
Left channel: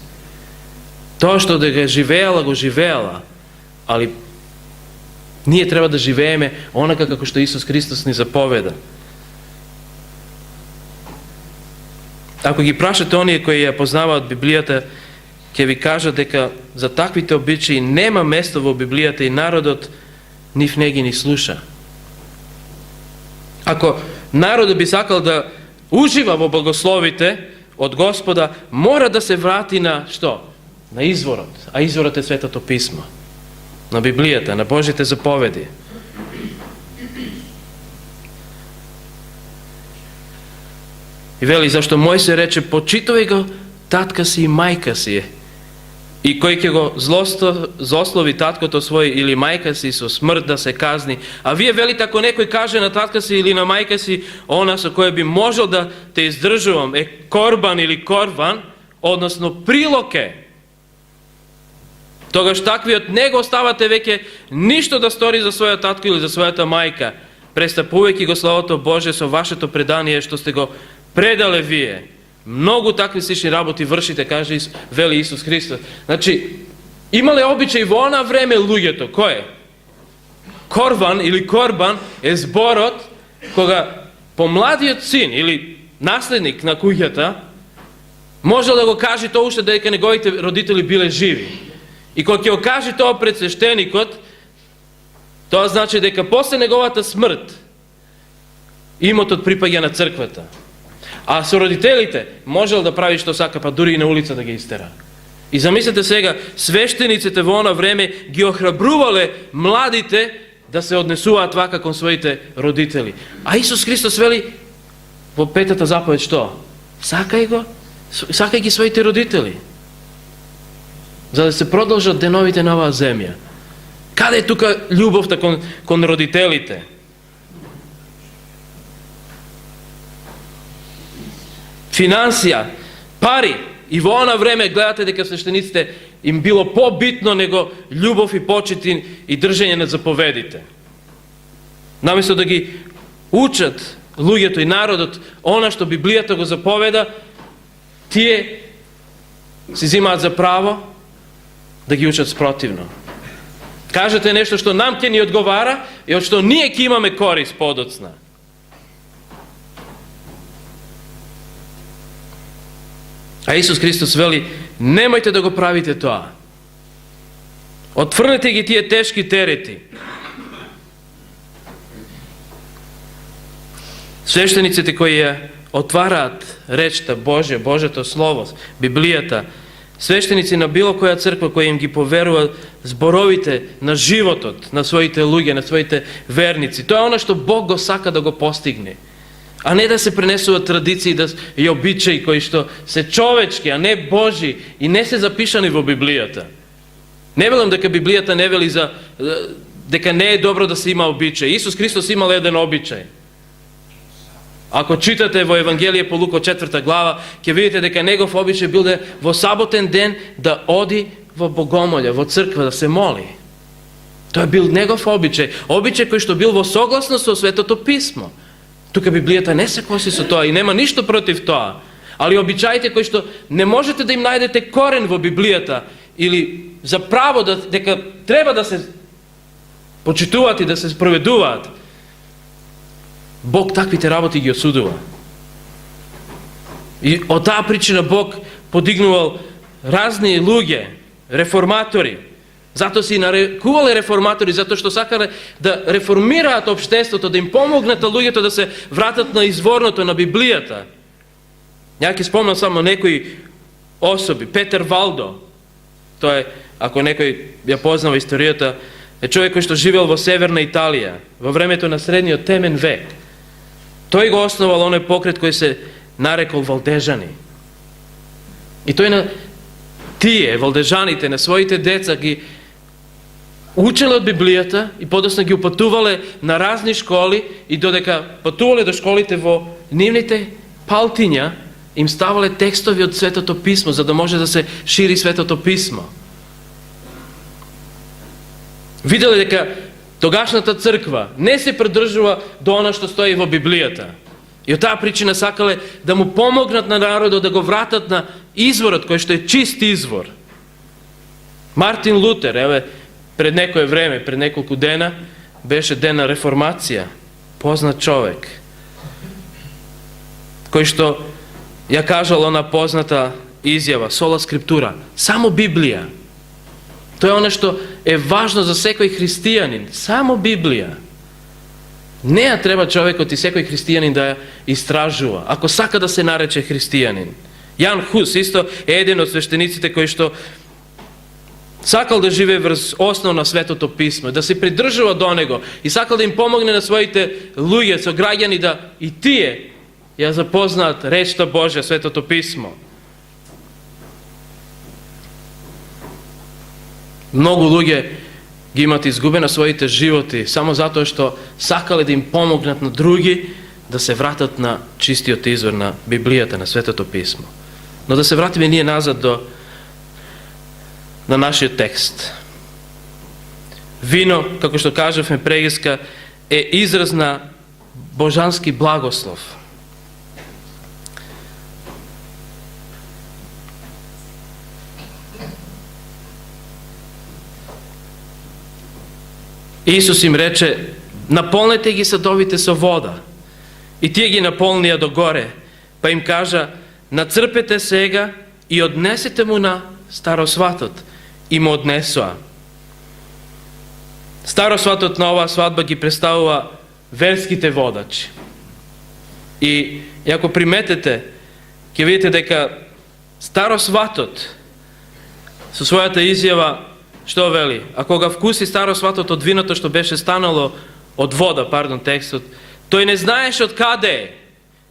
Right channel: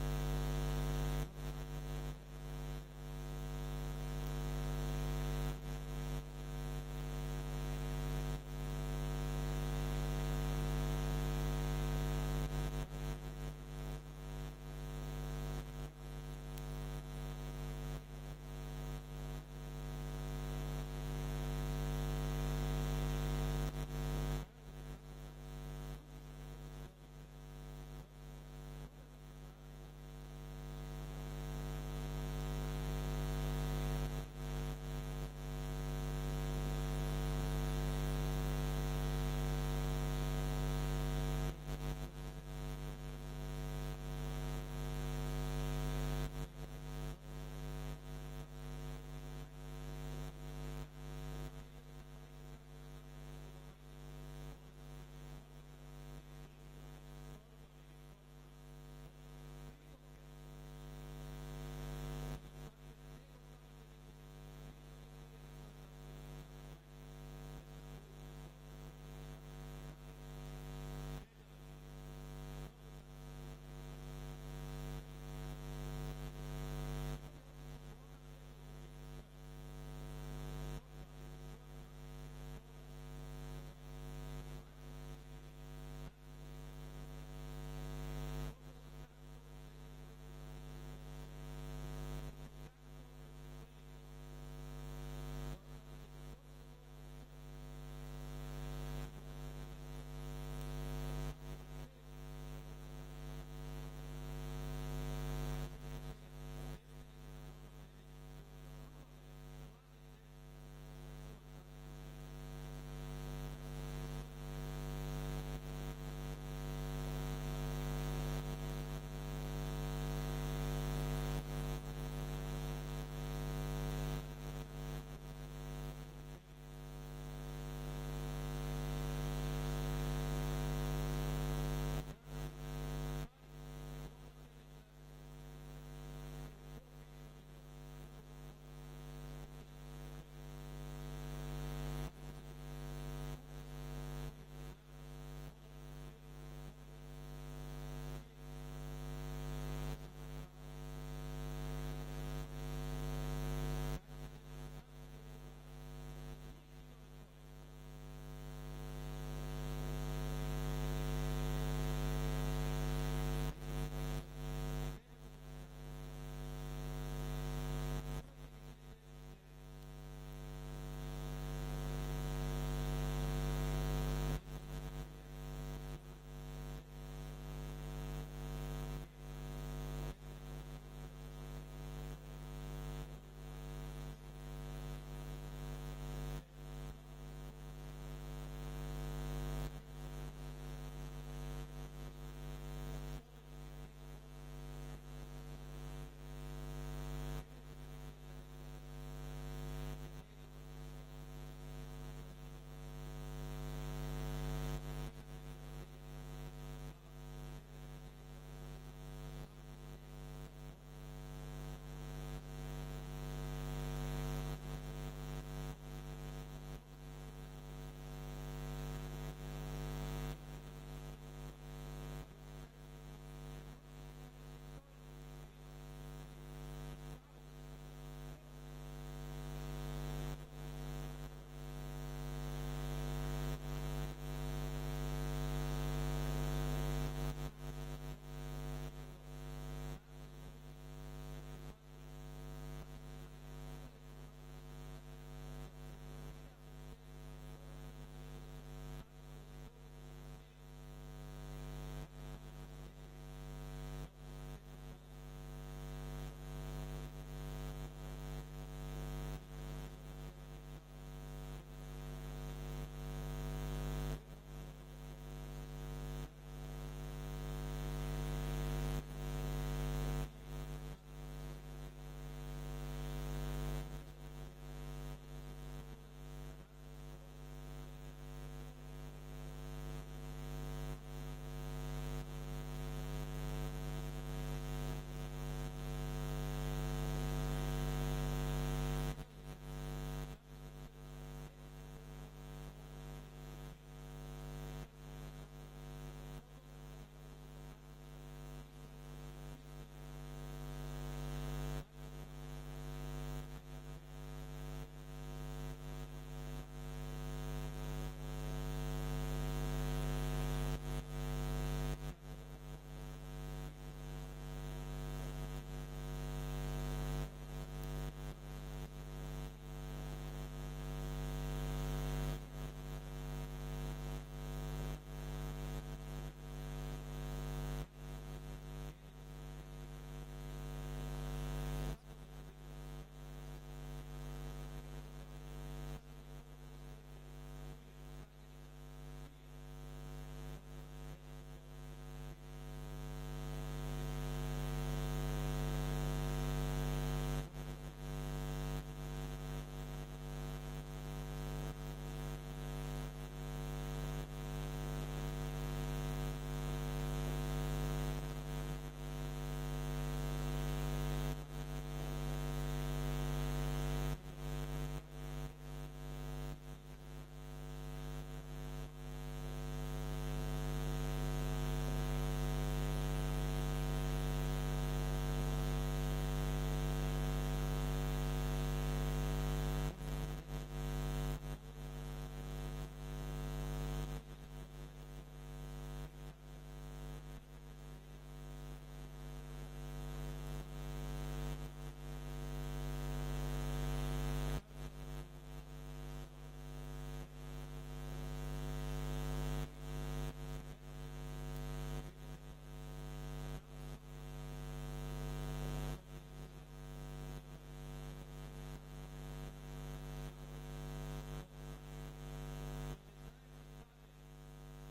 Тоа што да го живеала, али ние треба да живееме онака како што Исус Христос ни заповеда. Ако ги прашате оние кои ја познаваат Библијата, ќе ви кажат дека за таквите обичаи нема место во Библијата и народот нив не ги ни слуша. Ако народот би сакал да ужива во благословите од Господа, мора да се врати на што? На изворот. А изворот е Светото Писмо. На Библијата, на Божите заповеди. И вели, зашто Мојсе рече, почитувај го татка си и мајка си. И кој ќе го злослови таткото свој или мајка си со смрт да се казни. А вие велите, ако некој каже на татка си или на мајка си, она со која би можел да те издржувам е корбан или корван, односно прилоке, тогаш таквиот не го оставате веќе ништо да стори за својот татко или за својата мајка, престапувајќи го Словото Божие со вашето предание што сте го предале вие. Многу такви слични работи вршите, каже вели Исус Христос. Значи, имале обичај во она време луѓето, кој е? Корван или корбан е зборот кога помладиот син или наследник на куќата можел да го каже тоа уште дека неговите родители биле живи. И кога ќе го каже тоа пред свештеникот, тоа значи дека после неговата смрт имотот припаѓа на црквата. А со родителите можел да прави што сака, па дури и на улица да ги истера. И замислете сега, свештениците во она време ги охрабрувале младите да се однесуваат вака кон своите родители. А Исус Христос вели во петата заповед што? Сакај ги своите родители. За да се продолжат деновите на оваа земја. Каде е тука љубовта кон родителите? Финансија, пари. И во она време гледате дека свештениците им било побитно него љубов и почит и држење на заповедите. Наместо да ги учат луѓето и народот она што Библијата го заповеда, тие си зимаат за право да ги учат спротивно. Кажете нешто што нам ќе ни одговара и од што ние ќе имаме корист подоцна. А Исус Христос вели, немојте да го правите тоа. Отфрнете ги тие тешки терети. Свещениците кои ја отвараат речта Божја, Божјото Слово, Библијата, свещеници на било која црква која им ги поверува зборовите на животот на своите луѓе, на своите верници. Тоа е она што Бог го сака да го постигне. А не да се пренесуваат традиции и обичаи кои што се човечки, а не Божи и не се запишани во Библијата. Не велам дека Библијата не вели дека не е добро да се има обичај. Исус Христос имал еден обичај. Ако читате во Евангелие по Лука 4 глава, ќе видите дека негов обичај бил да во саботен ден да оди во богомолја, во црква да се моли. Тоа бил негов обичај, обичај кој што бил во согласност со Светото Писмо. Тука Библијата не се коси со тоа и нема ништо против тоа. Али обичаите кои што не можете да им најдете корен во Библијата или за право дека треба да се почитуваат и да се спроведуваат, Бог таквите работи ги осудува. И од таа причина Бог подигнувал разни луѓе, реформатори. Затоа си нарекувале реформатори, затоа што сакале да реформираат општеството, да им помогнат на луѓето да се вратат на изворното, на Библијата. Ја ќе спомнам само некои особи. Петер Валдо, тој е, ако некој ја познава историјата, е човек кој што живеел во северна Италија, во времето на средниот темен век. Тој го основал оној покрет кој се нарекол Валдежани. И тој на тие, валдежаните, на своите деца ги учеле од Библијата и подоцна ги упатувале на разни школи и додека патувале до школите во нивните палтиња, им ставале текстови од Светото Писмо, за да може да се шири Светото Писмо. Виделе дека тогашната црква не се придржува до она што стои во Библијата. И од таа причина сакале да му помогнат на народот да го вратат на изворот кој што е чист извор. Мартин Лутер, еве, пред некое време, пред неколку дена, беше ден на реформација, познат човек, кој што ја кажал она позната изјава, сола скриптура, само Библија. Тоа е оно што е важно за секој христијанин, само Библија. Неа треба човекот и секој христијанин да ја истражува, ако сака да се нарече христијанин. Јан Хус исто е еден од свештениците кој што сакал да живее врз основ на Светото Писмо, да се придржува до него и сакал да им помогне на своите луѓе, сограѓани да и тие ја запознаат речта Божја, Светото Писмо. Многу луѓе ги имат изгубена своите животи само затоа што сакале да им помогнат на други да се вратат на чистиот извор на Библијата, на Светото Писмо. Но да се вратиме ние назад на нашиот текст. Вино, како што кажавме прегиска, е израз на божански благослов. Исус им рече, наполнете ги садовите со вода. И тие ги наполнија до горе, па им кажа, нацрпете сега и однесете му на старосватот. И му однесоа. Старосватот на оваа свадба ги представува верските водачи. И ако приметете, ќе видите дека старосватот со својата изјава што вели? А кога вкуси старосватот од виното што беше станало од вода, текстот, тој не знаеше од каде е.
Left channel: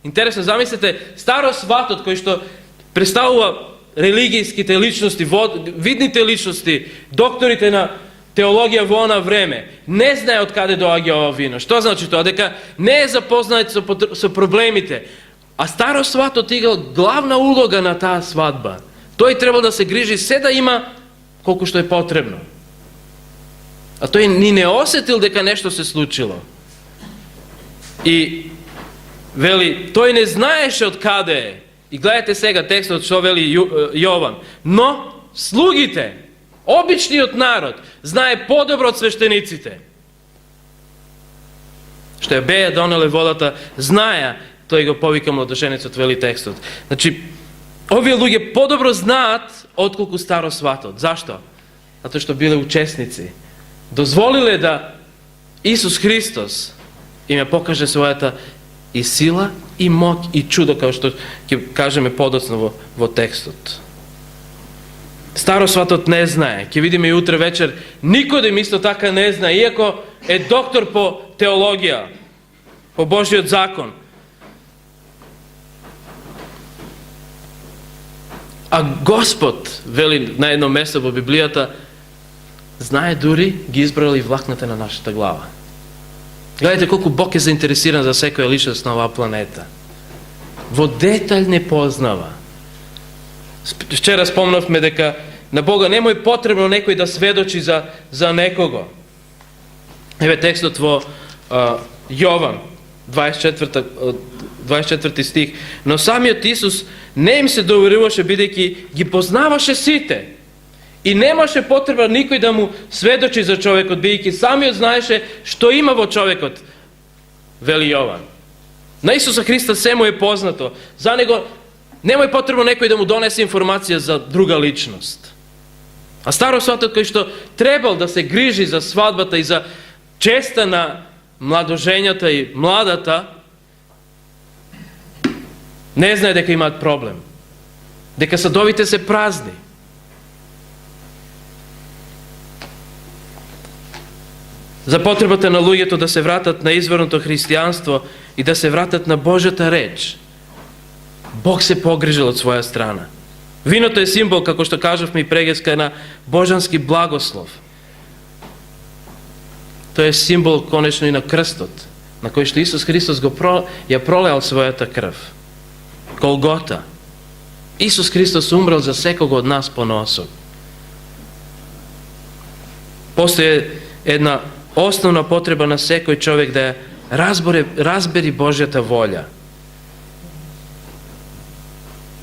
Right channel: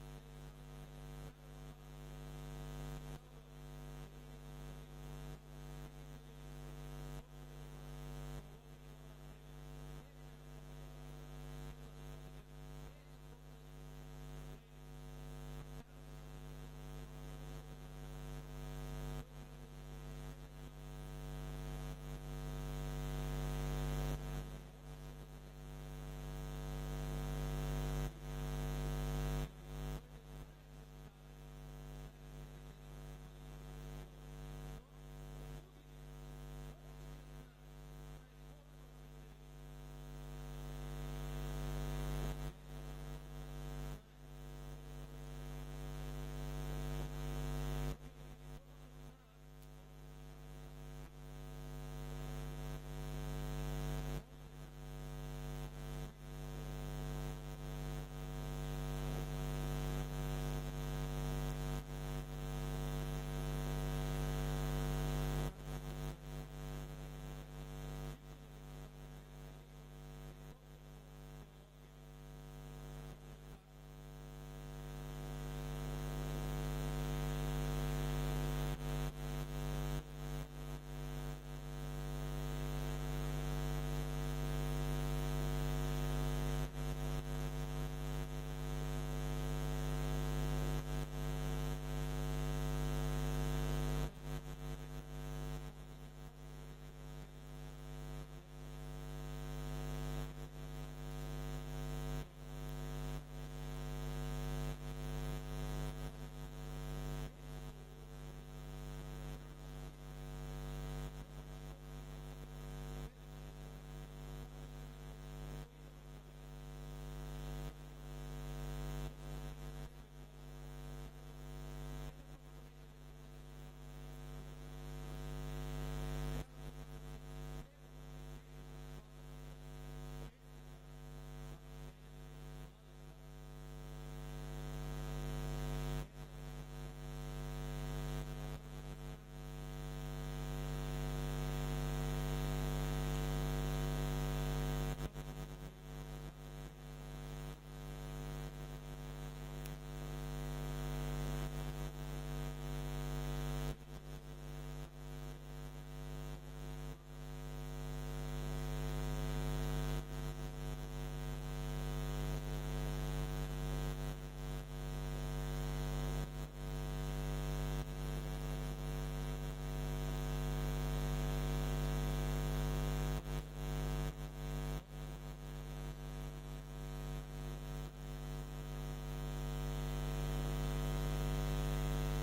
Интересно, замислете, старосватот кој што представува религијските личности, видните личности, докторите на теологија во она време, не знае од каде доаѓа ова вино. Што значи тоа? Дека не е запознат со проблемите. А старосватот играл главна улога на таа свадба. Тој требал да се грижи се да има колку што е потребно. А тој ни не осетил дека нешто се случило. И вели, тој не знаеше од каде е. И гледате сега текстот што вели Јован. Но слугите, обичниот народ, знае подобро од свештениците. Што ја беја донеле водата, знаеа, тој го повика младоженецот, вели текстот. Значи, овие луѓе подобро знаат отколку старосватот. Зашто? Затоа што биле учесници. Дозволиле да Исус Христос им ја покаже својата и сила, и моќ, и чудо, како што ќе кажеме подоцна во текстот. Старосватот не знае, ќе видиме и утре вечер, Никодим исто така не знае, иако е доктор по теологија, по Божиот закон. А Господ, вели на едно место во Библијата, знае дури ги избрал и влакната на нашата глава. Гледайте колку Бог е заинтересиран за секоја личност на оваа планета. Во детаљ не познава. Вчера спомнавме дека на Бога нема и потребно некој да сведочи за некого. Еве текстот во Јован, 24 стих. Но самиот Исус не им се доверуваше, бидејќи ги познаваше сите. И немаше потреба никој да му сведочи за човекот, бидејќи самиот знаеше што има во човекот, вели Јован. На Исуса Христа се му е познато. За него немај потребно некој да му донесе информација за друга личност. А старосватот кој што требал да се грижи за свадбата и за честа на младожењата и младата, не знае дека имаат проблем. Дека садовите се празни. За потребата на луѓето да се вратат на изворното христијанство и да се вратат на Божјата реч, Бог се погрижил од своја страна. Виното е символ, како што кажавме и прегеска, на божански благослов. Тој е символ конечно и на крстот, на кој што Исус Христос ја пролеал својата крв. Голгота. Исус Христос умрел за секого од нас поноособ. Постои една основна потреба на секој човек да разбери Божјата волја.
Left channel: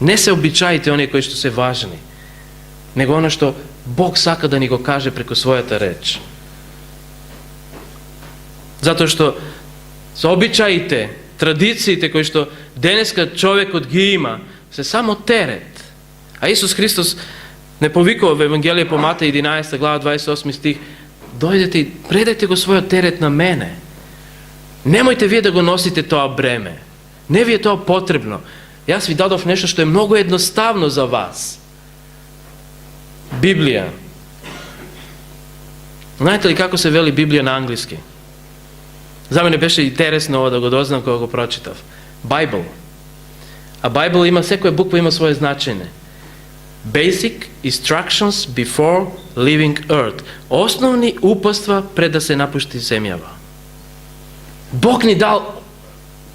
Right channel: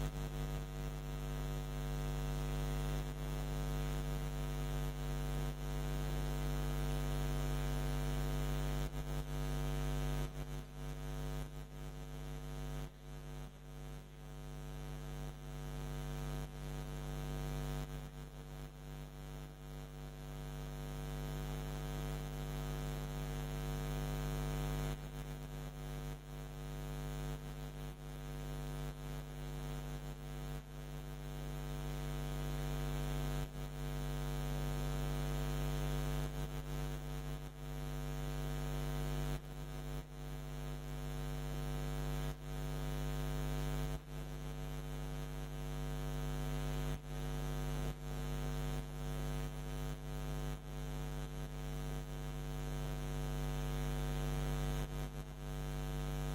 Не се обичаите оние кои што се важни, него оно што Бог сака да ни го каже преку својата реч. Затоа што со обичаите, традициите кои што денеска човекот ги има, се само терет. А Исус Христос не повикува во Евангелие по Матеј 11 глава 28 стих: дојдете и предайте го својот терет на мене. Немојте вие да го носите тоа бреме. Не ви е тоа потребно. Јас ви дадов нешто што е многу едноставно за вас. Библија. Знаете ли како се вели Библија на англиски? За мене беше интересно ова да го дознам кога го прочитав. Bible. А Bible има, секоја буква има своје значење. Basic instructions before leaving earth. Основни упатства пред да се напушти земјава. Бог ни дал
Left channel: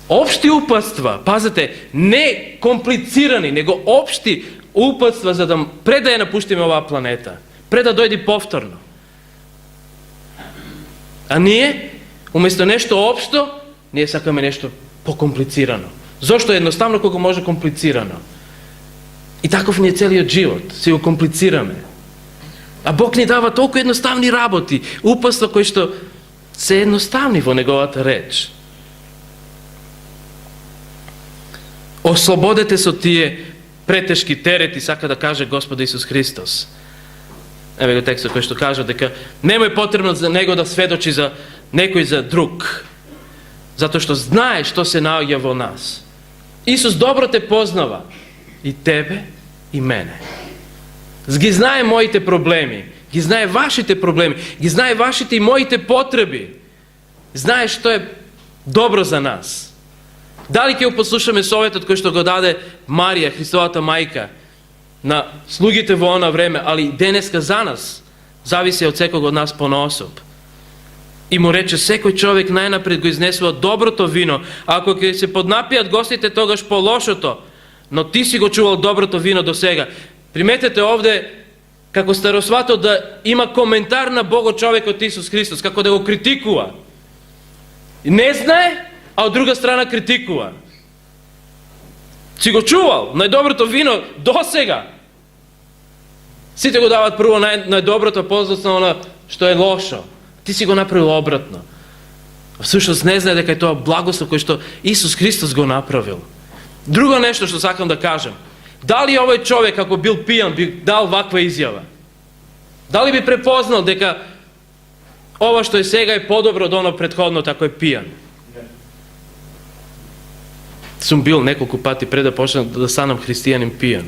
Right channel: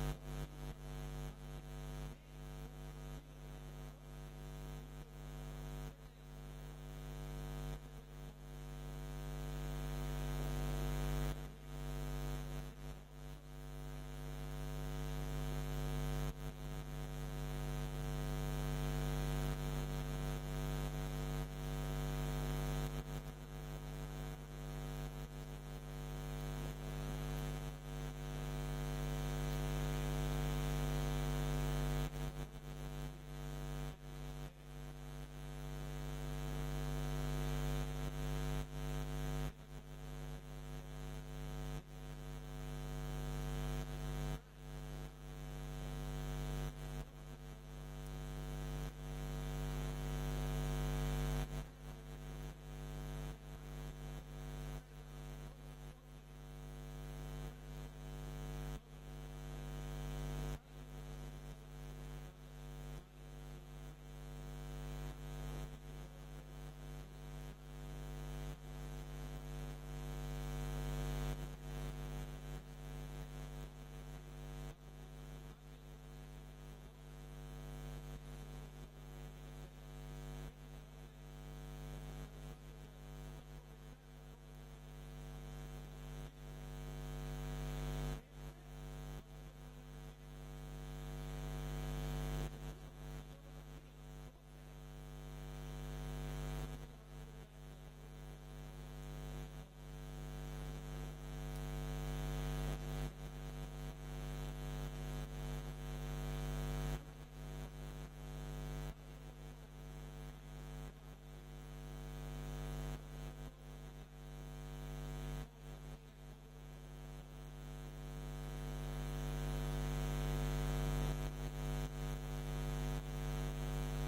општи упатства, пазете, не комплицирани, него општи упатства за да пред да ја напуштиме оваа планета, пред да дојде повторно. А ние, уместо нешто општо, ние сакаме нешто покомплицирано. Зошто едноставно колку може комплицирано? И таков ни е целиот живот, си го комплицираме. А Бог ни дава толку едноставни работи, упатства кои што се едноставни во неговата реч. Ослободете со тие претешки терети, сака да каже Господ Исус Христос. Еве го текстот кој што кажа дека немој потребно за него да сведочи за некој за друг, затоа што знае што се наоѓа во нас. Исус добро те познава, и тебе, и мене. Ги знае моите проблеми, ги знае вашите проблеми, ги знае вашите и моите потреби. Знае што е добро за нас. Дали ќе го послушаме советот кој што го даде Марија, Христовата мајка, на слугите во она време, али денеска за нас, зависи од секој од нас поноособ. И му рече, секој човек најнапред го изнесува доброто вино, а ако ќе се поднапијат гостите, тогаш по лошото, но ти си го чувал доброто вино до сега. Приметете овде, како старосватот да има коментар на Бого човекот Исус Христос, како да го критикува. Не знае, а од друга страна критикува. Си го чувал, најдоброто вино до сега. Сите го дават прво најдоброто, после оно што е лошо. Ти си го направил обратно. Всушност не знае дека е тоа благослов кој што Исус Христос го направил. Друго нешто што сакам да кажам. Дали овој човек, ако бил пијан, би дал ваква изјава? Дали би препознал дека ова што е сега е подобро од оно претходното ако е пијан? Сум бил неколку пати пред да почнам да станам христијанин пијан.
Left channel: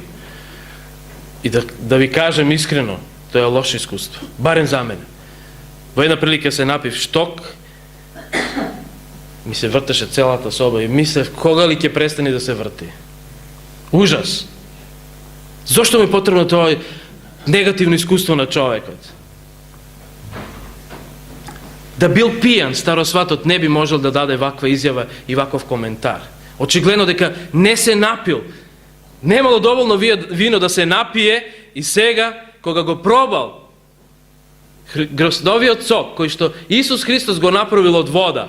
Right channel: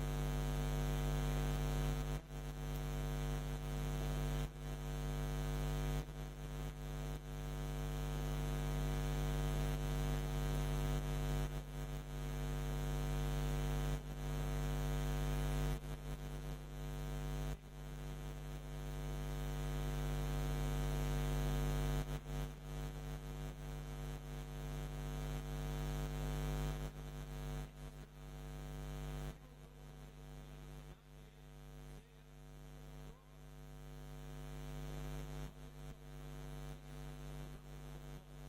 И да ви кажем искрено, тоа е лошо искуство. Барем за мене. Во една прилика се напив шток, ми се вртеше целата соба и мислев кога ли ќе престане да се врти. Ужас. Зошто ми е потребно тоа негативно искуство на човекот? Да бил пијан, старосватот не би можел да даде ваква изјава и ваков коментар. Очигледно дека не се напил. Немало доволно вино да се напие и сега, кога го пробал гроздовиот сок, кој што Исус Христос го направил од вода,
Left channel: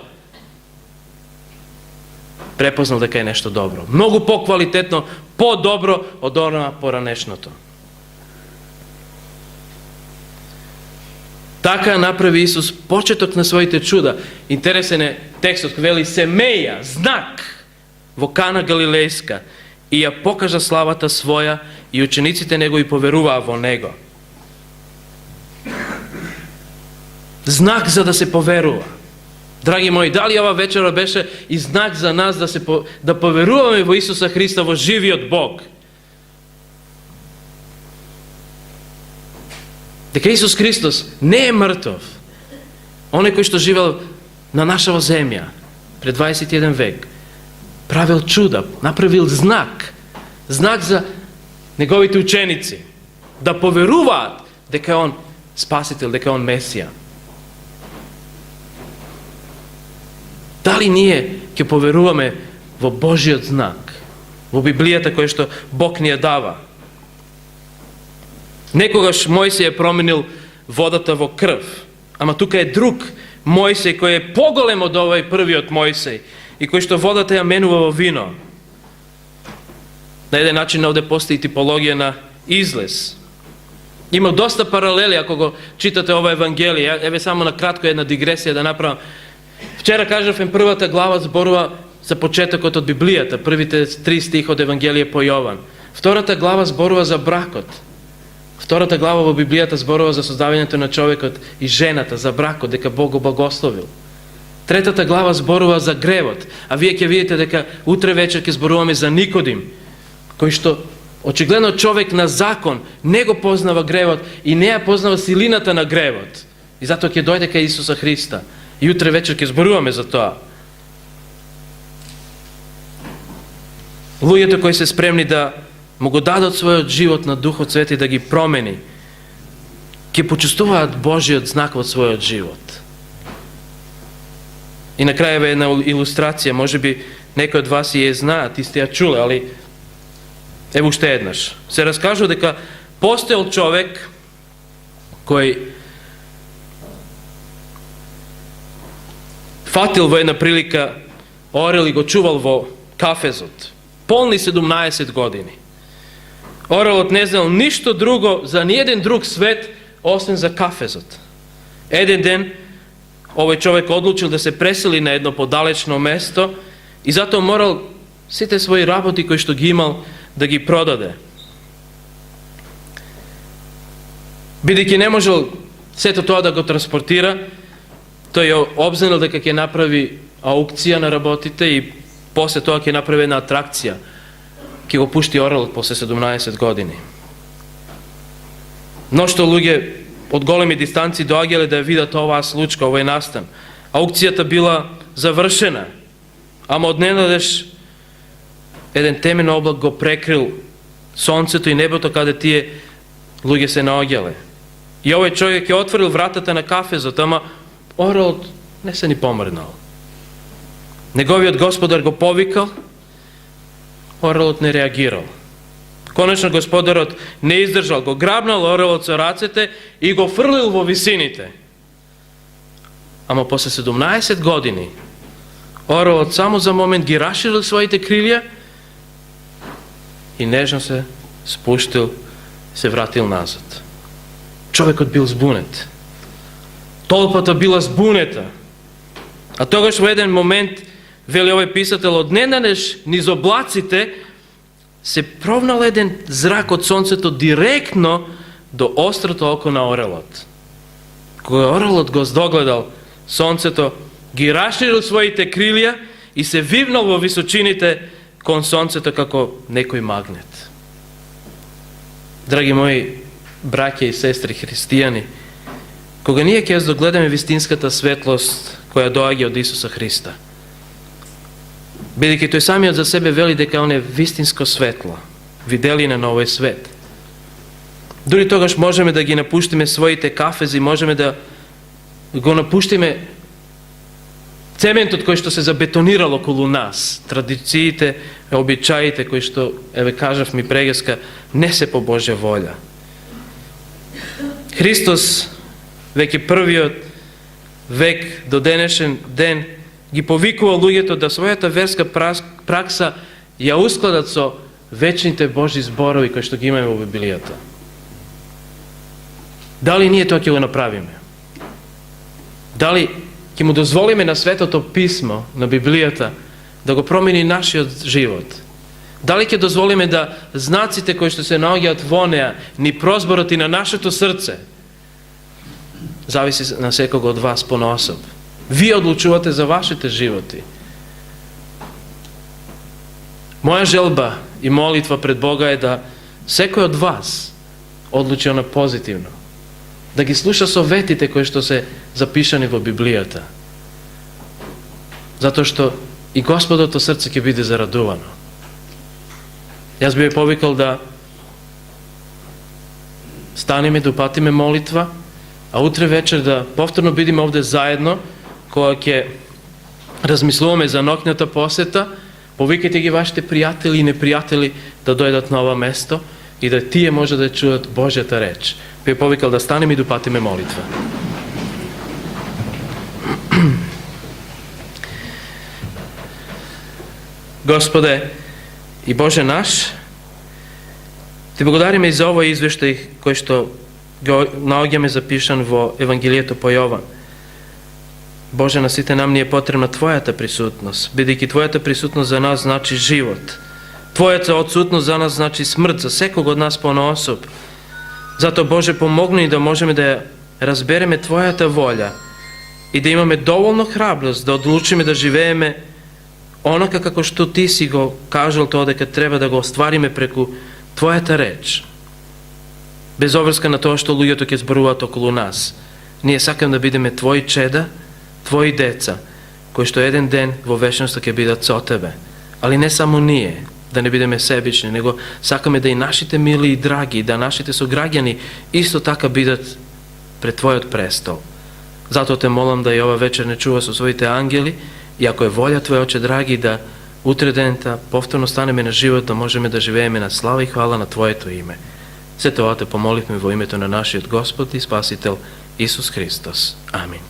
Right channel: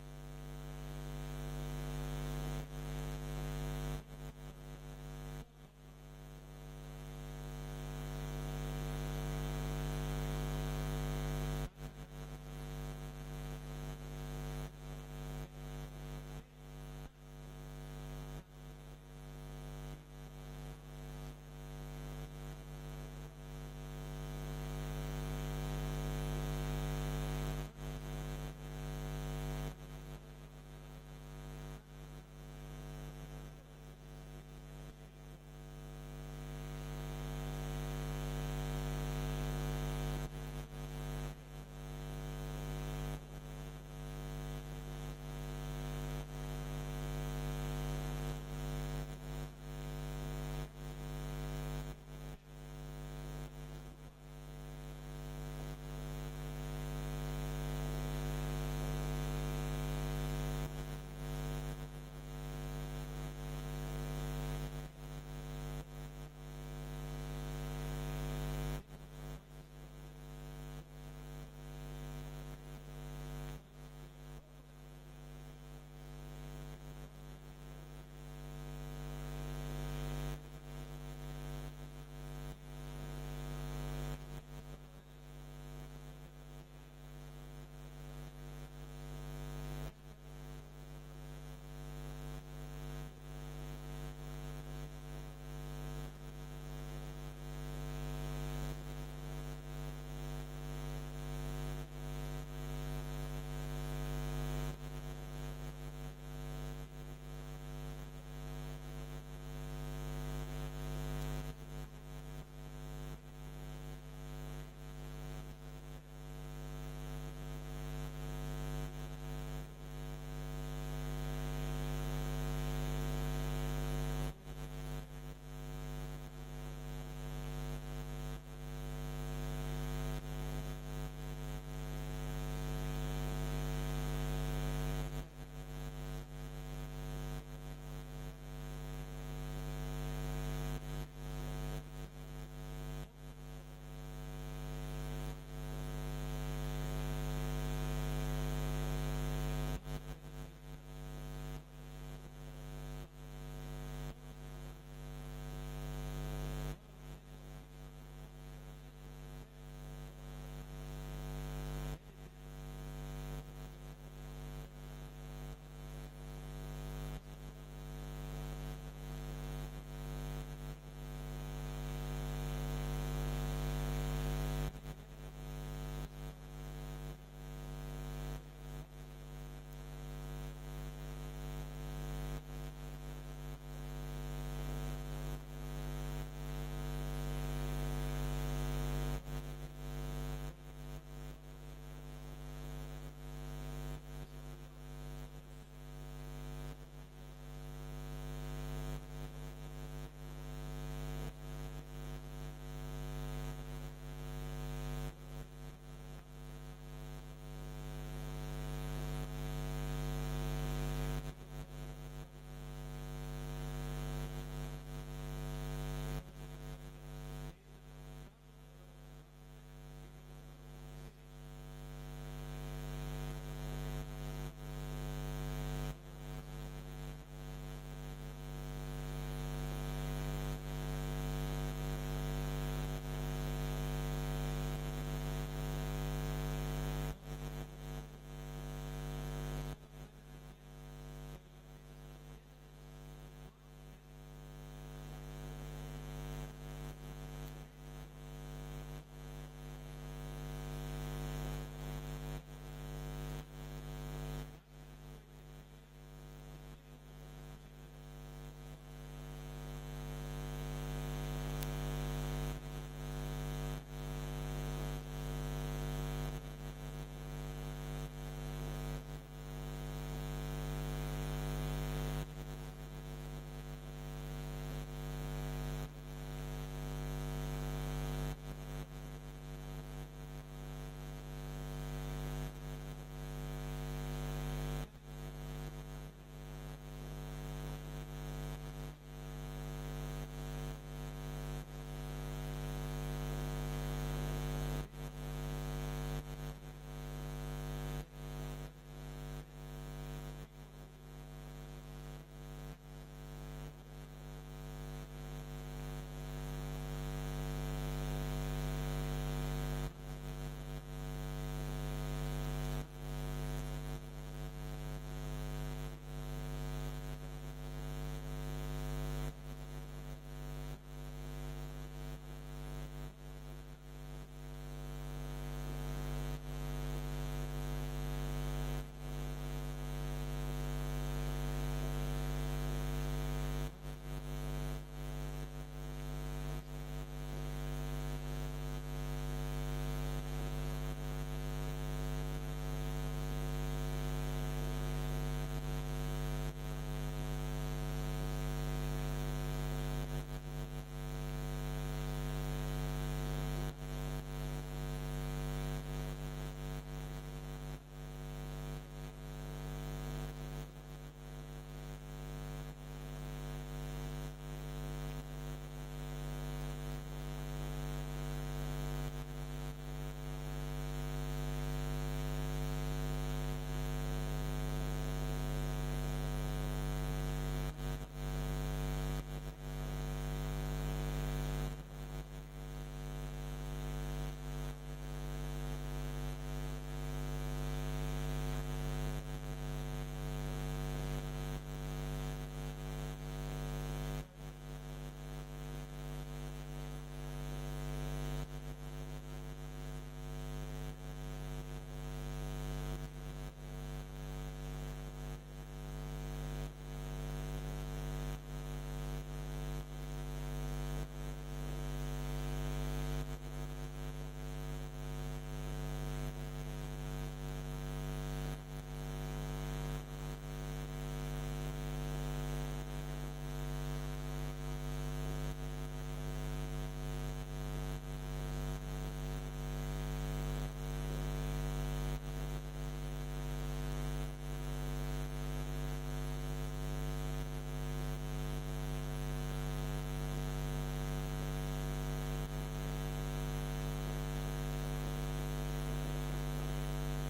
препознал дека е нешто добро. Многу по-квалитетно, по-добро од она поранешното. Така направи Исус почеток на своите чуда. Интересен е текстот, вели семеја, знак во Кана Галилејска и ја покажа славата своја и учениците негови поверуваа во него. Знак за да се поверува. Драги мои, дали ова вечера беше и знак за нас да поверуваме во Исуса Христа, во живиот Бог? Дека Исус Христос не е мртов. Оној кој што живел на нашава земја пред 21 век, правил чуда, направил знак за неговите ученици, да поверуваат дека он спасител, дека он Месија. Дали ние ќе поверуваме во Божиот знак, во Библијата која што Бог ни ја дава? Некогаш Мојсей е променил водата во крв, ама тука е друг Мојсей кој е поголем од овој првиот Мојсей и кој што водата ја менува во вино. На еден начин овде постои типологија на излез. Има доста паралели ако го читате ова Евангелие. Еве само на кратко една дигресија да направам. Вчера кажавме првата глава зборува за почетокот од Библијата, првите 3 стих од Евангелие по Јован. Втората глава зборува за бракот. Втората глава во Библијата зборува за создавањето на човекот и жената, за бракот, дека Бог го благословил. Третата глава зборува за гревот, а вие ќе видите дека утре вечер ќе зборуваме за Никодим, кој што очигледно човек на закон не го познава гревот и не ја познава силината на гревот. И затоа ќе дојде кај Исуса Христа. И утре вечер ќе зборуваме за тоа. Луѓето кои се спремни да му го дадат својот живот на Духот Свети да ги промени, ќе почувствуваат Божиот знак во својот живот. И на крај е една илустрација, можеби некои од вас и ја знаат, и сте ја чуле, али ево уште еднаш. Се раскажува дека постоел човек кој фатил во една прилика орел и го чувал во кафезот. Полни 17 години. Орелот не знал ништо друго за ниеден друг свет, освен за кафезот. Еден ден, овој човек одлучил да се пресели на едно подалечно место и затоа морал сите своји работи кои што ги имал да ги продаде. Бидејќи не можел сето тоа да го транспортира, тој ја обзнанил дека ќе направи аукција на работите и после тоа ќе направи една атракција. Ќе го пушти орелот после 17 години. Мношто луѓе од големи дистанци доаѓале да ја видат оваа случка, овој настан. Аукцијата била завршена, ама одненадеж еден темен облак го прекрил сонцето и небото каде тие луѓе се наоѓале. И овој човек ќе отворил вратата на кафезот, ама орелот не се ни помрнал. Неговиот господар го повикал, орелот не реагирал. Конечно господарот не издржал, го грабнал орелот со рацете и го фрлил во висините. Ама после 17 години орелот само за момент ги расширил своите крилја и нежно се спуштил, се вратил назад. Човекот бил збунет. Толпата била збунета. А тогаш во еден момент, вели овој писател, одненадеж низ облаците се провнал еден зрак од сонцето директно до острото око на орелот. Кога орелот го здогледал сонцето, ги расширил своите крилја и се вивнал во височините кон сонцето како некој магнет. Драги мои браќа и сестри христијани, кога ние ќе догледаме вистинската светлост која доаѓа од Исуса Христа, бидејќи тој самиот за себе вели дека он е вистинско светло, виделина на овој свет. Дури тогаш можеме да ги напуштиме своите кафези, можеме да го напуштиме цементот кој што се забетонирал околу нас, традициите, обичаите кои што, еве кажав ми прегаска, не се по Божја волја. Христос веќе првиот век до денешен ден ги повикува луѓето да својата верска пракса ја ускладат со вечните Божји зборови кои што ги имаме во Библијата. Дали ние тоа ќе го направиме? Дали ќе му дозволиме на Светото Писмо, на Библијата, да го промени нашиот живот? Дали ќе дозволиме да знаците кои што се наоѓаат во неа, ни прозборот и на нашето срце? Зависи на секого од вас понаособ. Вие одлучувате за вашите животи. Моја желба и молитва пред Бога е да секој од вас одлучи на позитивно. Да ги слуша советите кои што се запишани во Библијата. Затоа што и Господото срце ќе биде зарадувано. Јас би ја повикал да станеме, да упатиме молитва, а утре вечер да повторно бидеме овде заедно, кога ќе размислуваме за ноќната посета. Повикајте ги вашите пријатели и непријатели да дојдат на ова место и да тие може да чуат Божјата реч. Би ја повикал да станеме и да упатиме молитва. Господе и Боже наш, Ти благодариме и за овој извештај кој што го наоѓаме запишан во Евангелието по Јован. Боже, на сите нам ни е потребна Твојата присутност, бидејќи Твојата присутност за нас значи живот. Твојата отсутност за нас значи смрт, за секого од нас понаособ. Зато, Боже, помогни да можеме да разбереме Твојата волја и да имаме доволно храброст да одлучиме да живееме онака како што Ти си го кажал тоа дека треба да го оствариме преку Твојата реч. Без обврска на тоа што луѓето ќе зборуваат околу нас. Ние сакаме да бидеме Твои чеда, Твои деца, кои што еден ден во вечноста ќе бидат со Тебе. Али не само ние, да не бидеме себични, него сакаме да и нашите мили и драги, да нашите сограѓани исто така бидат пред Твојот престол. Затоа Те молам да и ова вечер не чува со своите ангели и ако е волја Твоја, Оче драги, да утре дента повторно станеме на живот, да можеме да живееме на слава и хвала на Твоето име. Се тоа Те помолихме во името на нашиот Господ и Спасител Исус Христос. Амин.